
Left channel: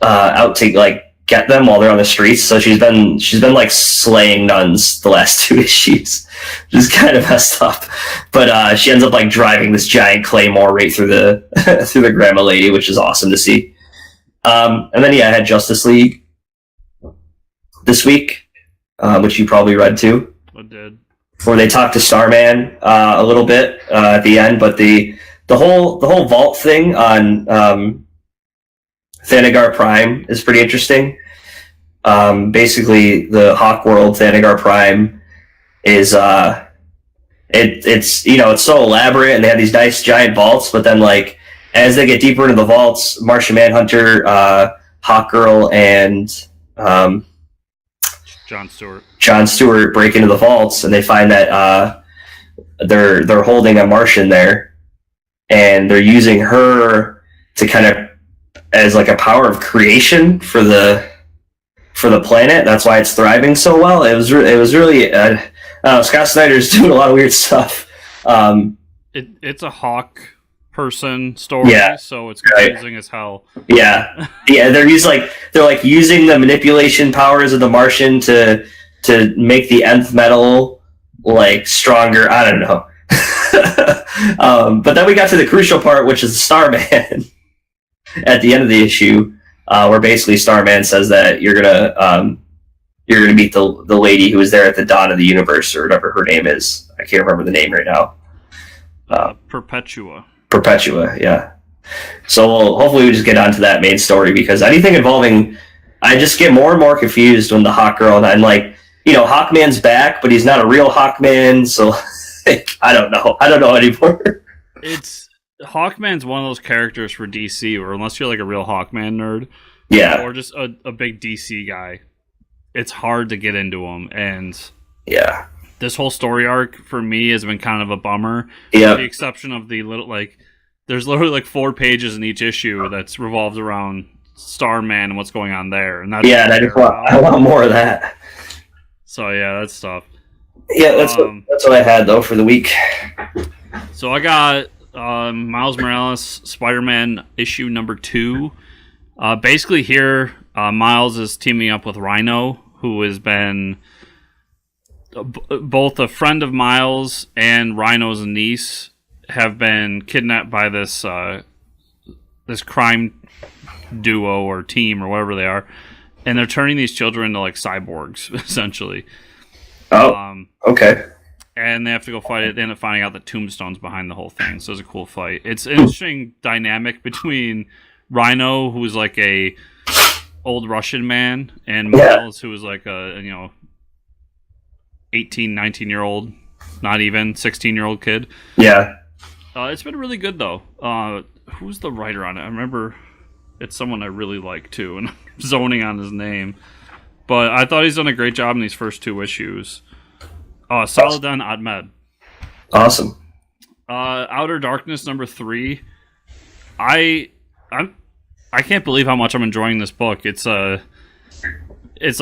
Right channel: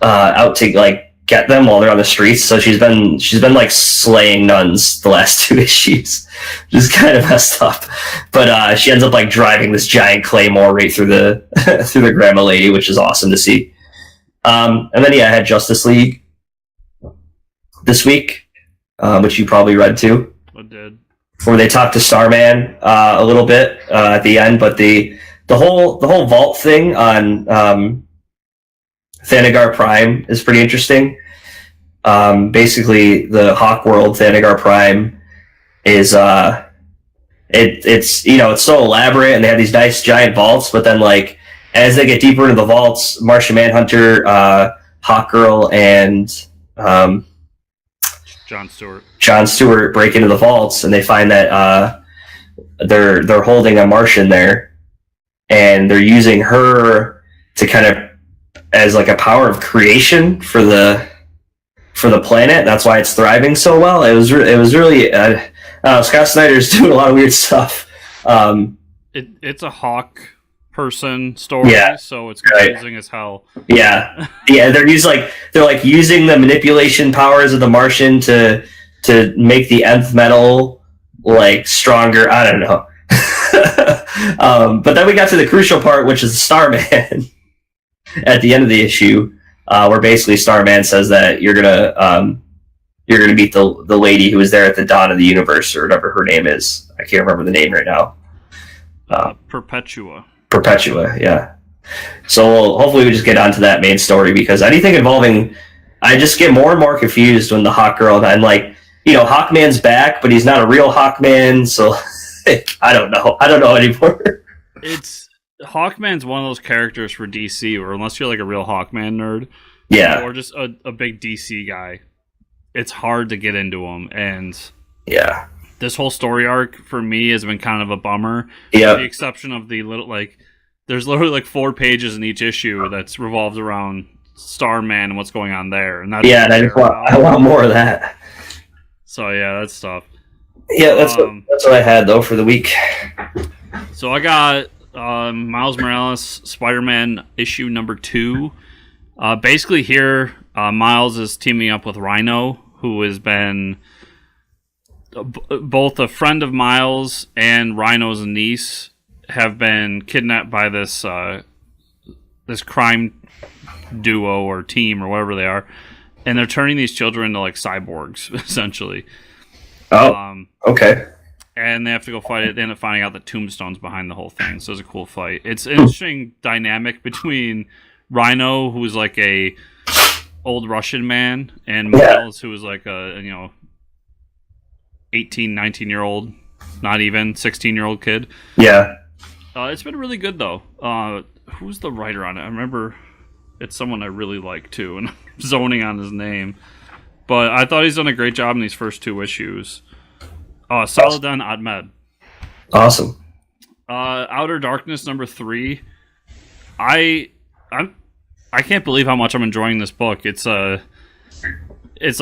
out to like get them while they're on the streets. So she's been like slaying nuns the last 2 issues, which is kind of messed up. But she ends up like driving this giant claymore right through the through the grandma lady, which is awesome to see. And then I had Justice League this week, which you probably read too. I did. Where they talked to Starman a little bit at the end, but the whole vault thing on Thanagar Prime is pretty interesting. Basically, the Hawk World Thanagar Prime is it's it's so elaborate, and they have these nice giant vaults. But then, like as they get deeper into the vaults, Martian Manhunter, Hawk Girl, and John Stewart break into the vaults, and they find that they're holding a Martian there, and they're using her to kind of as like a power of creation for the planet. That's why it's thriving so well. It was really Scott Snyder's doing a lot of weird stuff. It's a Hawk person story, so it's confusing as hell. Yeah, they're using the manipulation powers of the Martian to make the nth metal like stronger. I don't know. But then we got to the crucial part, which is the Starman. At the end of the issue, where basically Starman says that you're gonna meet the lady who was there at the dawn of the universe, or whatever her name is. I can't remember the name right now. Perpetua, yeah. So hopefully we just get onto that main story, because anything involving, I just get more and more confused when the Hawk Girl, and like Hawkman's back, but he's not a real Hawkman, so I don't know anymore. Hawkman's one of those characters for DC, or unless you're like a real Hawkman nerd, or just a big DC guy, it's hard to get into him. And this whole story arc for me has been kind of a bummer. With the exception of the little there's literally like 4 pages in each issue that's revolves around Starman and what's going on there, and that's I want more of that. So that's tough. Yeah, that's what I had though for the week. So I got Miles Morales Spider-Man issue number 2. Basically here, Miles is teaming up with Rhino, who has been both a friend of Miles and Rhino's niece have been kidnapped by this crime duo or team or whatever they are, and they're turning these children into like cyborgs essentially. Okay. And they have to go fight it. They end up finding out that Tombstone's behind the whole thing. So it's a cool fight. It's an interesting dynamic between Rhino, who's like a old Russian man, and Miles, who is like a 18, 19-year-old, not even 16-year-old kid. Yeah. It's been really good though. Who's the writer on it? I remember it's someone I really like too, and I'm zoning on his name. But I thought he's done a great job in these first 2 issues. Saladin Ahmed. Awesome. Outer Darkness number 3. I can't believe how much I'm enjoying this book. It's like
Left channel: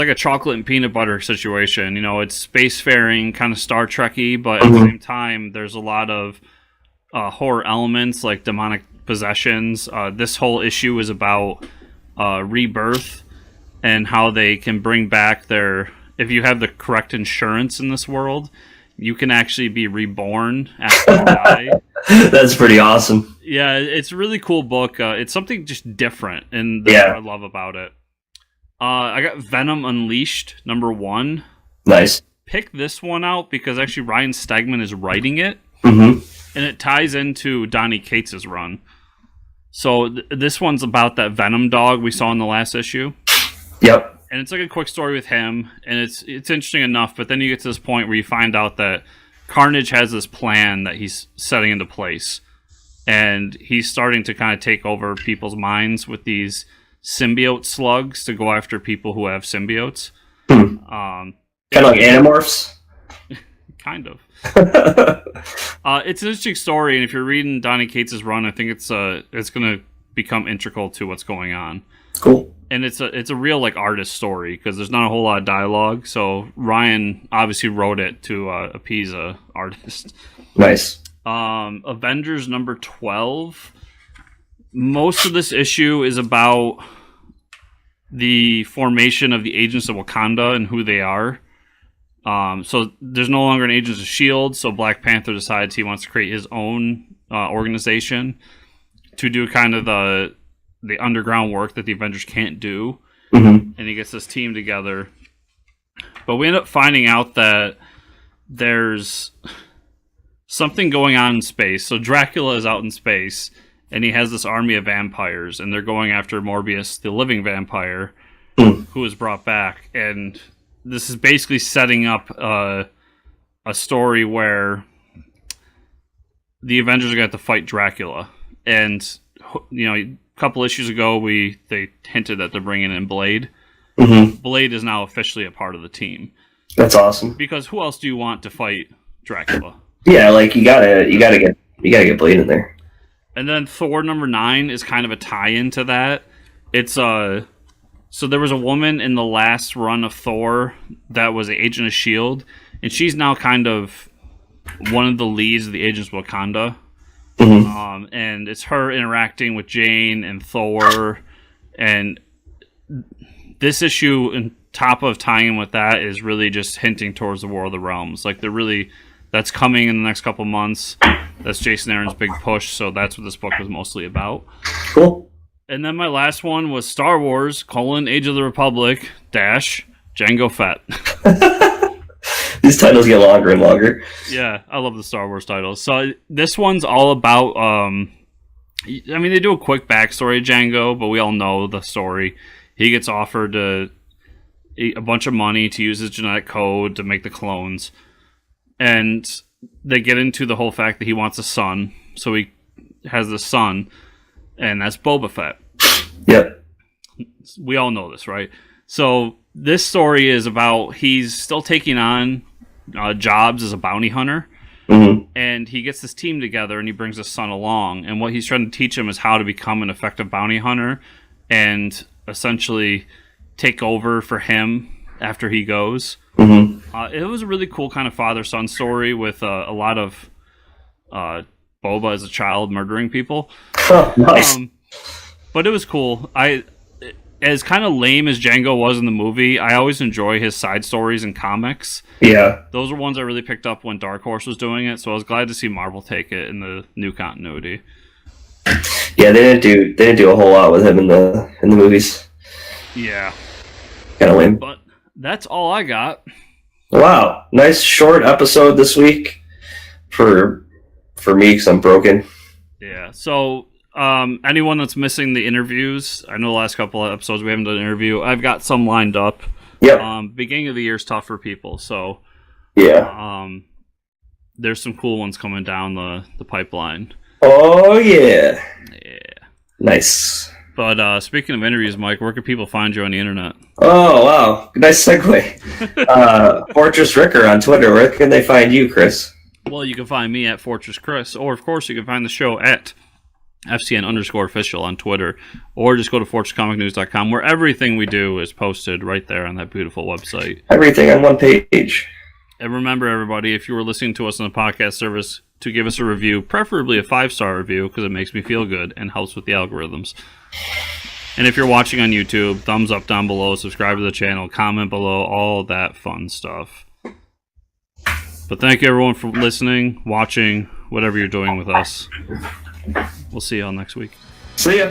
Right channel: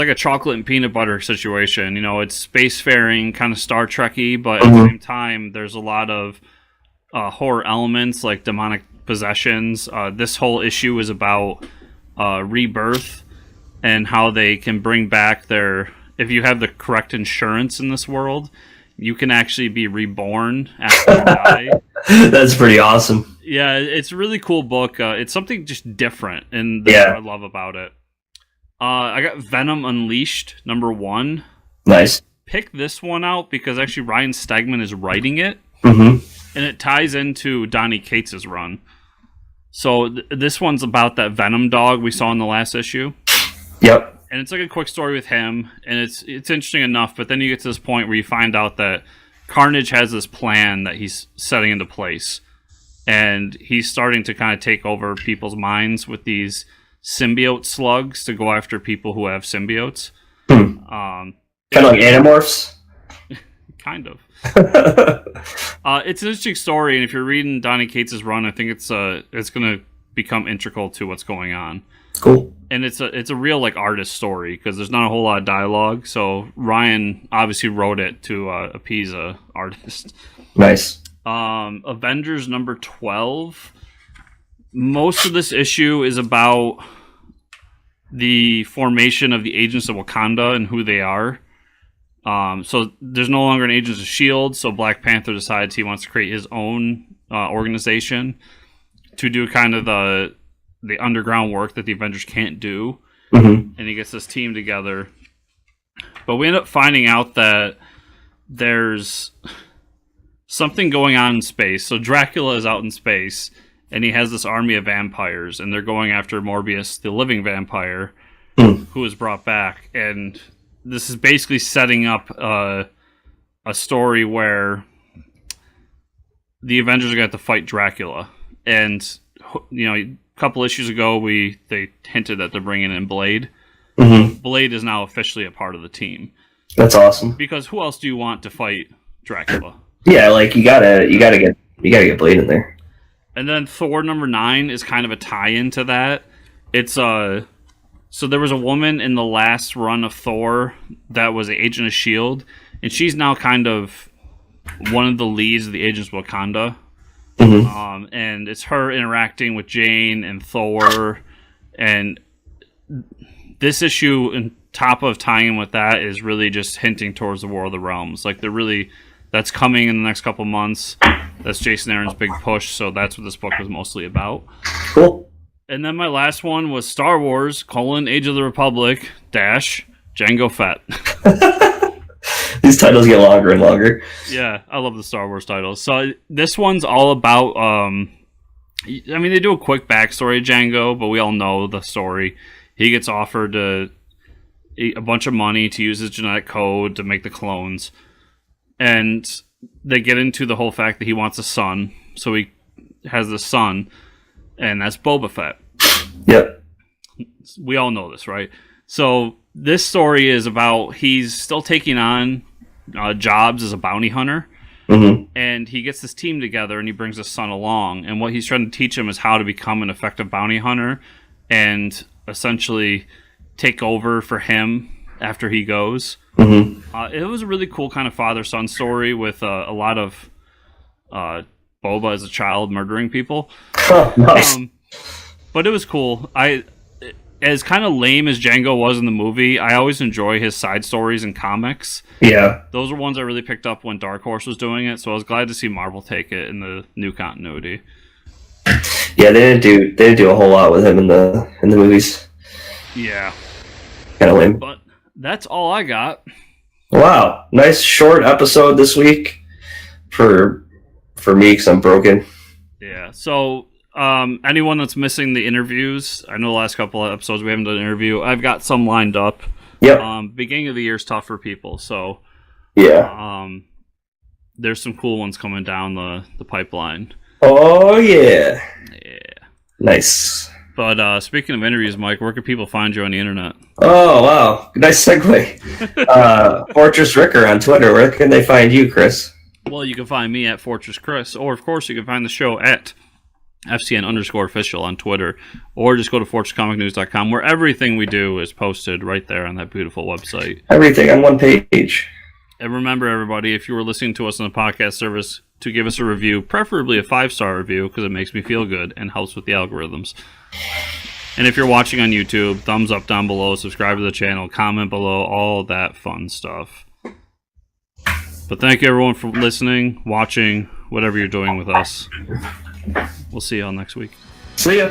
a chocolate and peanut butter situation. It's spacefaring, kind of Star Trek-y, but at the same time, there's a lot of horror elements like demonic possessions. This whole issue is about rebirth and how they can bring back if you have the correct insurance in this world, you can actually be reborn after you die. That's pretty awesome. Yeah, it's a really cool book. It's something just different, and that's what I love about it. I got Venom Unleashed number 1. Nice. picked this one out because actually Ryan Stegman is writing it, Mm-hmm. and it ties into Donny Cates' run. So this one's about that Venom dog we saw in the last issue. Yep. And it's like a quick story with him, and it's interesting enough, but then you get to this point where you find out that Carnage has this plan that he's setting into place. And he's starting to kind of take over people's minds with these symbiote slugs to go after people who have symbiotes. Kind of like Animorphs? Kind of. It's an interesting story, and if you're reading Donny Cates' run, I think it's going to become integral to what's going on. Cool. And it's a real like artist story because there's not a whole lot of dialogue. So Ryan obviously wrote it to appease a artist. Nice. Avengers number 12. Most of this issue is about the formation of the Agents of Wakanda and who they are. So there's no longer an Agents of S.H.I.E.L.D., so Black Panther decides he wants to create his own organization to do kind of the underground work that the Avengers can't do. Mm-hmm. And he gets this team together. But we end up finding out that there's something going on in space. So Dracula is out in space, and he has this army of vampires, and they're going after Morbius, the living vampire, who is brought back. And this is basically setting up a story where the Avengers are going to have to fight Dracula. And, you know, a couple issues ago, they hinted that they're bringing in Blade. Mm-hmm. Blade is now officially a part of the team. That's awesome. Because who else do you want to fight Dracula? Yeah, like you gotta get Blade in there. And then Thor number 9 is kind of a tie-in to that. It's so there was a woman in the last run of Thor that was an Agent of S.H.I.E.L.D., and she's now kind of one of the leads of the Agents of Wakanda. Mm-hmm. And it's her interacting with Jane and Thor, and this issue, on top of tying in with that, is really just hinting towards the War of the Realms. Like that's coming in the next couple months. That's Jason Aaron's big push, so that's what this book was mostly about. Cool. And then my last one was Star Wars, Age of the Republic, Jango Fett. These titles get longer and longer. Yeah, I love the Star Wars titles. So this one's all about, they do a quick backstory of Jango, but we all know the story. He gets offered a bunch of money to use his genetic code to make the clones. And they get into the whole fact that he wants a son. So he has this son, and that's Boba Fett. Yep. We all know this, right? So this story is about he's still taking on jobs as a bounty hunter. Mm-hmm. And he gets this team together, and he brings his son along. And what he's trying to teach him is how to become an effective bounty hunter and essentially take over for him after he goes. Mm-hmm. It was a really cool kind of father-son story with a lot of Boba as a child murdering people. Oh, nice. But it was cool. As kind of lame as Jango was in the movie, I always enjoy his side stories in comics. Yeah. Those were ones I really picked up when Dark Horse was doing it, so I was glad to see Marvel take it in the new continuity. Yeah, they didn't do a whole lot with him in the movies. Yeah. Kind of lame. But that's all I got. Wow, nice short episode this week for me because I'm broken. Yeah. So anyone that's missing the interviews, I know the last couple of episodes we haven't done an interview. I've got some lined up. Yep. Beginning of the year is tough for people, so yeah. There's some cool ones coming down the pipeline. Oh yeah. Yeah. Nice. But speaking of interviews, Mike, where can people find you on the internet? Oh wow, nice segue. Fortress Ricker on Twitter. Where can they find you, Chris? Well, you can find me at Fortress Chris, or of course you can find the show at FCN_official on Twitter, or just go to FortressComicNews.com, where everything we do is posted right there on that beautiful website. Everything on one page. And remember, everybody, if you were listening to us on the podcast service, to give us a review, preferably a 5-star review, because it makes me feel good and helps with the algorithms. And if you're watching on YouTube, thumbs up down below, subscribe to the channel, comment below, all that fun stuff. But thank you, everyone, for listening, watching, whatever you're doing with us. We'll see you all next week. See ya.